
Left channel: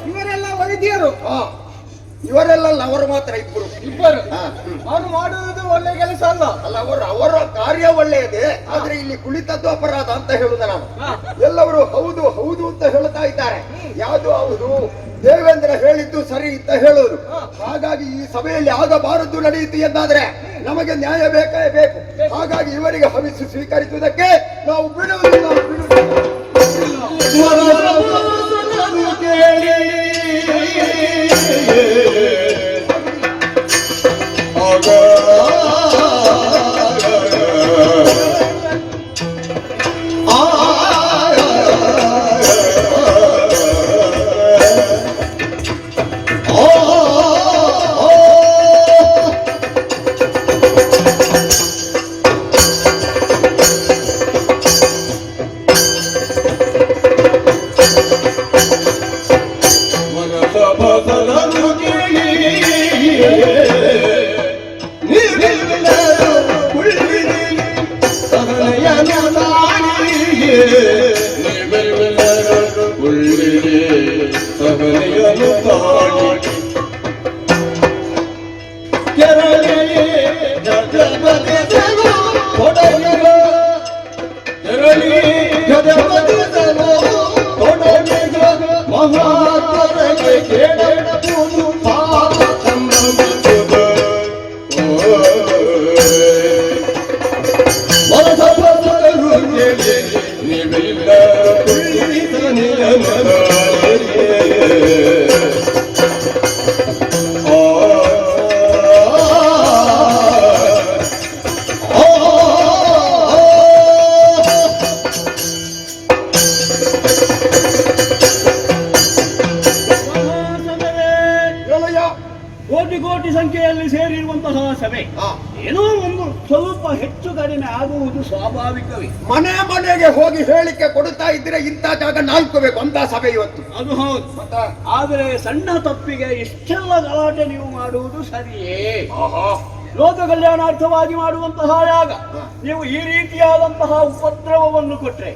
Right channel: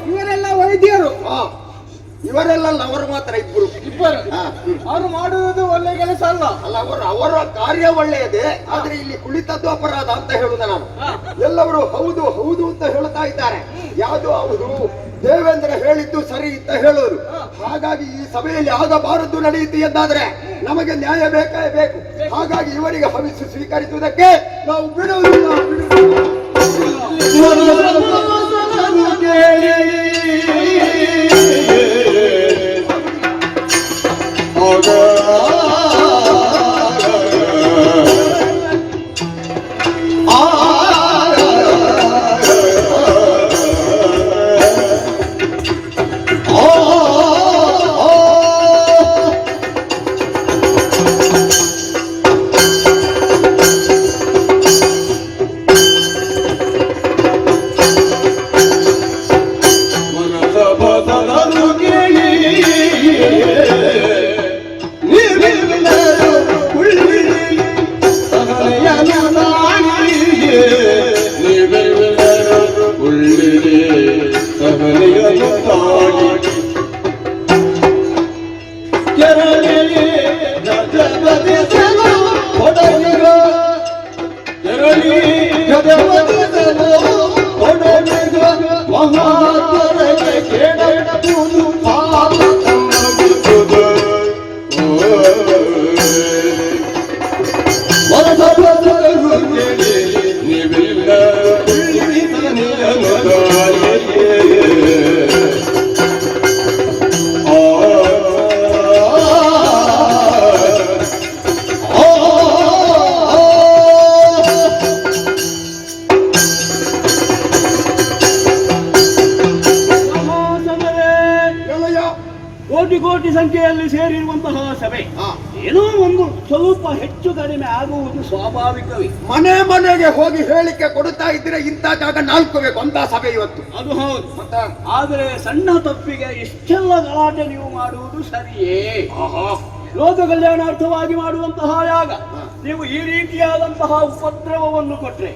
ಇವರೆಲ್ಲ ವೈದ್ಯರು. ಇವರೆಲ್ಲ ಅವರು ಮಾತ್ರ ಇಬ್ಬರು. ಅವರು ಮಾಡುವುದು ಒಳ್ಳೆ ಕೆಲಸ ಅಲ್ಲ. ಅಲ್ಲ, ಅವರ ಕಾರ್ಯ ಒಳ್ಳೆಯದೇ, ಆದ್ರೆ ಇಲ್ಲಿ ಕುಳಿತದ್ದು ಅಪರಾಧ ಅಂತ ಹೇಳುದ ನಾನು. ಎಲ್ಲವರು ಹೌದು ಹೌದು ಅಂತ ಹೇಳ್ತಾ ಇದ್ದಾರೆ. ಯಾವುದು ಹೌದು? ದೇವೇಂದ್ರ ಹೇಳಿದ್ದು ಸರಿ ಅಂತ ಹೇಳೋರು. ಹಾಗಾಗಿ ಈ ಸಭೆಯಲ್ಲಿ ಆಗಬಾರದು ನಡೆಯಿತು ಎಂದಾದ್ರೆ ನಮಗೆ ನ್ಯಾಯ ಬೇಕೇ ಬೇಕು. ಹಾಗಾಗಿ ಇವರಿಗೆ ಹವಿಸ್ಸು ಸ್ವೀಕರಿಸುವುದಕ್ಕೆ ನಾವು ಬಿಡುವುದಿಲ್ಲ. ಮನದ ಕೋಟಿ ಕೋಟಿ ಸಂಖ್ಯೆಯಲ್ಲಿ ಸೇರಿರುವಂತಹ ಸಭೆ ಏನೋ ಒಂದು ಸ್ವಲ್ಪ ಹೆಚ್ಚು ಕಡಿಮೆ ಆಗುವುದು ಸ್ವಾಭಾವಿಕವೇ. ಮನೆ ಮನೆಗೆ ಹೋಗಿ ಹೇಳಿಕೆ ಕೊಡುತ್ತಾ ಇದ್ರೆ ಇಂಥ ಜಾಗ 4 ಬೇಕು ಅಂತ ಸಭೆ ಇವತ್ತು. ಅದು ಹೌದು. ಆದರೆ ಸಣ್ಣ ತಪ್ಪಿಗೆ ಇಷ್ಟೆಲ್ಲ ಗಲಾಟೆ ನೀವು ಮಾಡುವುದು ಸರಿಯೇ? ಲೋಕ ಕಲ್ಯಾಣಾರ್ಥವಾಗಿ ಮಾಡುವಂತಹ ಯಾಗ ನೀವು ಈ ರೀತಿಯಾದಂತಹ ಉಪದ್ರವವನ್ನು ಕೊಟ್ರೆ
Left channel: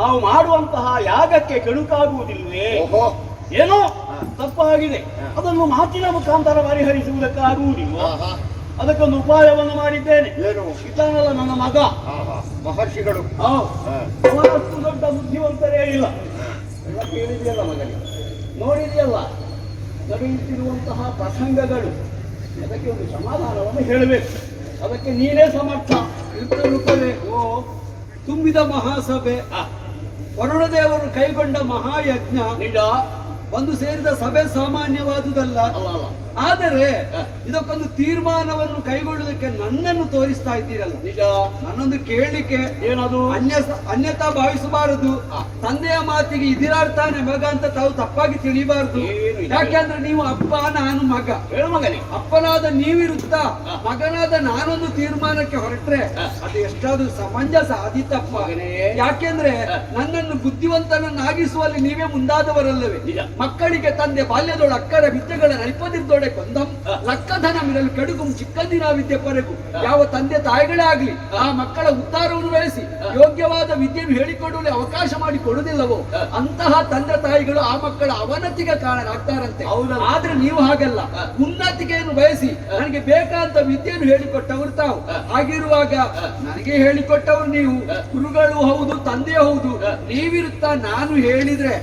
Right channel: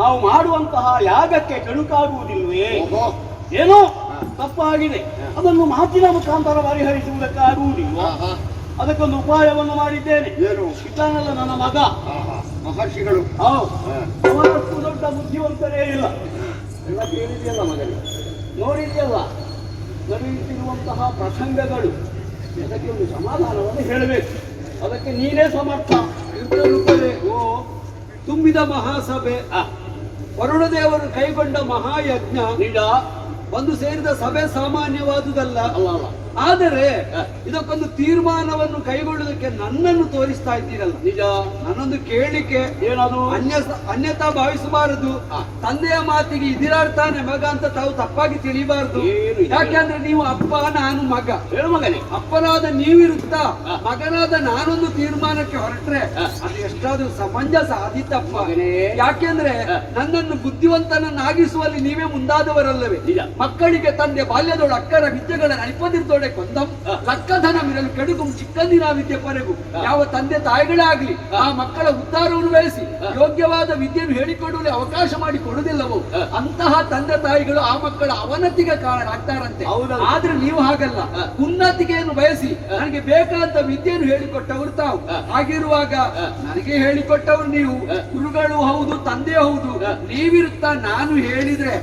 ನಾವು ಮಾಡುವಂತಹ ಯಾಗಕ್ಕೆ ಕೆಡುಕಾಗುವುದಿಲ್ವೇ? ಏನೋ ತಪ್ಪಾಗಿದೆ, ಅದನ್ನು ಮಾತಿನ ಮುಖಾಂತರ ಪರಿಹರಿಸುವುದಕ್ಕಾಗುವುದಿಲ್ಲ. ಅದಕ್ಕೊಂದು ಉಪಾಯವನ್ನು ಮಾಡಿದ್ದೇನೆ. ಇತಾನಲ್ಲ ನನ್ನ ಮಗ, ಮಹರ್ಷಿಗಳು ಅವನಷ್ಟು ದೊಡ್ಡ ಬುದ್ಧಿವಂತರೇ ಇಲ್ಲ. ಎಲ್ಲ ಕೇಳಿದೆಯಲ್ಲ ಮಗನಿಗೆ, ನೋಡಿದೆಯಲ್ಲ ನಡೆಯುತ್ತಿರುವಂತಹ ಪ್ರಸಂಗಗಳು, ಅದಕ್ಕೆ ಒಂದು ಸಮಾಧಾನವನ್ನು ಹೇಳಬೇಕು. ಅದಕ್ಕೆ ನೀನೇ ಸಮರ್ಥ. ಓ ತುಂಬಿದ ಮಹಾಸಭೆ, ವರುಣದೇವರು ಕೈಗೊಂಡ ಮಹಾಯಜ್ಞ, ನಿಜ ಒಂದು ಸೇರಿದ ಸಭೆ ಸಾಮಾನ್ಯವಾದುದಲ್ಲ. ಅಲ್ಲ, ಆದರೆ ಇದಕ್ಕೊಂದು ತೀರ್ಮಾನವನ್ನು ಕೈಗೊಳ್ಳುವುದಕ್ಕೆ ನನ್ನನ್ನು ತೋರಿಸ್ತಾ ಇದ್ದೀರಲ್ಲ. ನಿಜ. ನನ್ನೊಂದು ಕೇಳಿಕೆ, ಏನದು? ಅನ್ಯತಾ ಭಾವಿಸಬಾರದು. ತಂದೆಯ ಮಾತಿಗೆ ಇದಿರಾರ್ತಾನೆ ಮಗ ಅಂತ ತಾವು ತಪ್ಪಾಗಿ ತಿಳಿಬಾರದು. ಯಾಕೆಂದ್ರೆ ನೀವು ಅಪ್ಪ, ನಾನು ಮಗ. ಹೇಳು ಮಗನೇ. ಅಪ್ಪನಾದ ನೀವಿರುತ್ತಾ ಮಗನಾದ ನಾನೊಂದು ತೀರ್ಮಾನಕ್ಕೆ ಹೊರಟ್ರೆ ಅದು ಎಷ್ಟಾದ್ರೂ ಸಮಂಜಸ ಆದಿತ್ತಪ್ಪ. ಯಾಕೆಂದ್ರೆ ನನ್ನನ್ನು ಬುದ್ಧಿವಂತನನ್ನಾಗಿಸುವಲ್ಲಿ ನೀವೇ ಮುಂದಾದವರಲ್ಲವೇ? ಮಕ್ಕಳಿಗೆ ತಂದೆ ಬಾಲ್ಯದೊಳ ಅಕ್ಕರ ವಿದ್ಯೆಗಳ ನೈಪದಿದ್ದೊಳ ಕೊಂದಂ ಲಕ್ಕಧನ ಮಿರಲು ಕೆಡುಕು ಚಿಕ್ಕಂದಿನ ವಿದ್ಯೆ ಪರೆಗೂ. ಯಾವ ತಂದೆ ತಾಯಿಗಳೇ ಆಗ್ಲಿ ಆ ಮಕ್ಕಳ ಉದ್ಧಾರವನ್ನು ಬೆಳೆಸಿ ಯೋಗ್ಯವಾದ ವಿದ್ಯೆಯನ್ನು ಹೇಳಿಕೊಡುವಲ್ಲಿ ಅವಕಾಶ ಮಾಡಿ ಕೊಡುವುದಿಲ್ಲವೋ ಅಂತಹ ತಂದೆ ತಾಯಿಗಳು ಆ ಮಕ್ಕಳ ಅವನತಿಗೆ ಕಾರಣ ಆಗ್ತಾರಂತೆ. ಆದ್ರೆ ನೀವು ಹಾಗಲ್ಲ, ಉನ್ನತಿಗೆಯನ್ನು ಬಯಸಿ ನನಗೆ ಬೇಕಾದ ವಿದ್ಯೆಯನ್ನು ಹೇಳಿಕೊಟ್ಟವರು ತಾವು. ಹಾಗಿರುವಾಗ ನನಗೆ ಹೇಳಿಕೊಟ್ಟವರು ನೀವು, ಗುರುಗಳು ಹೌದು, ತಂದೆ ಹೌದು. ನೀವಿರುತ್ತಾ ನಾನು ಹೇಳಿದ್ರೆ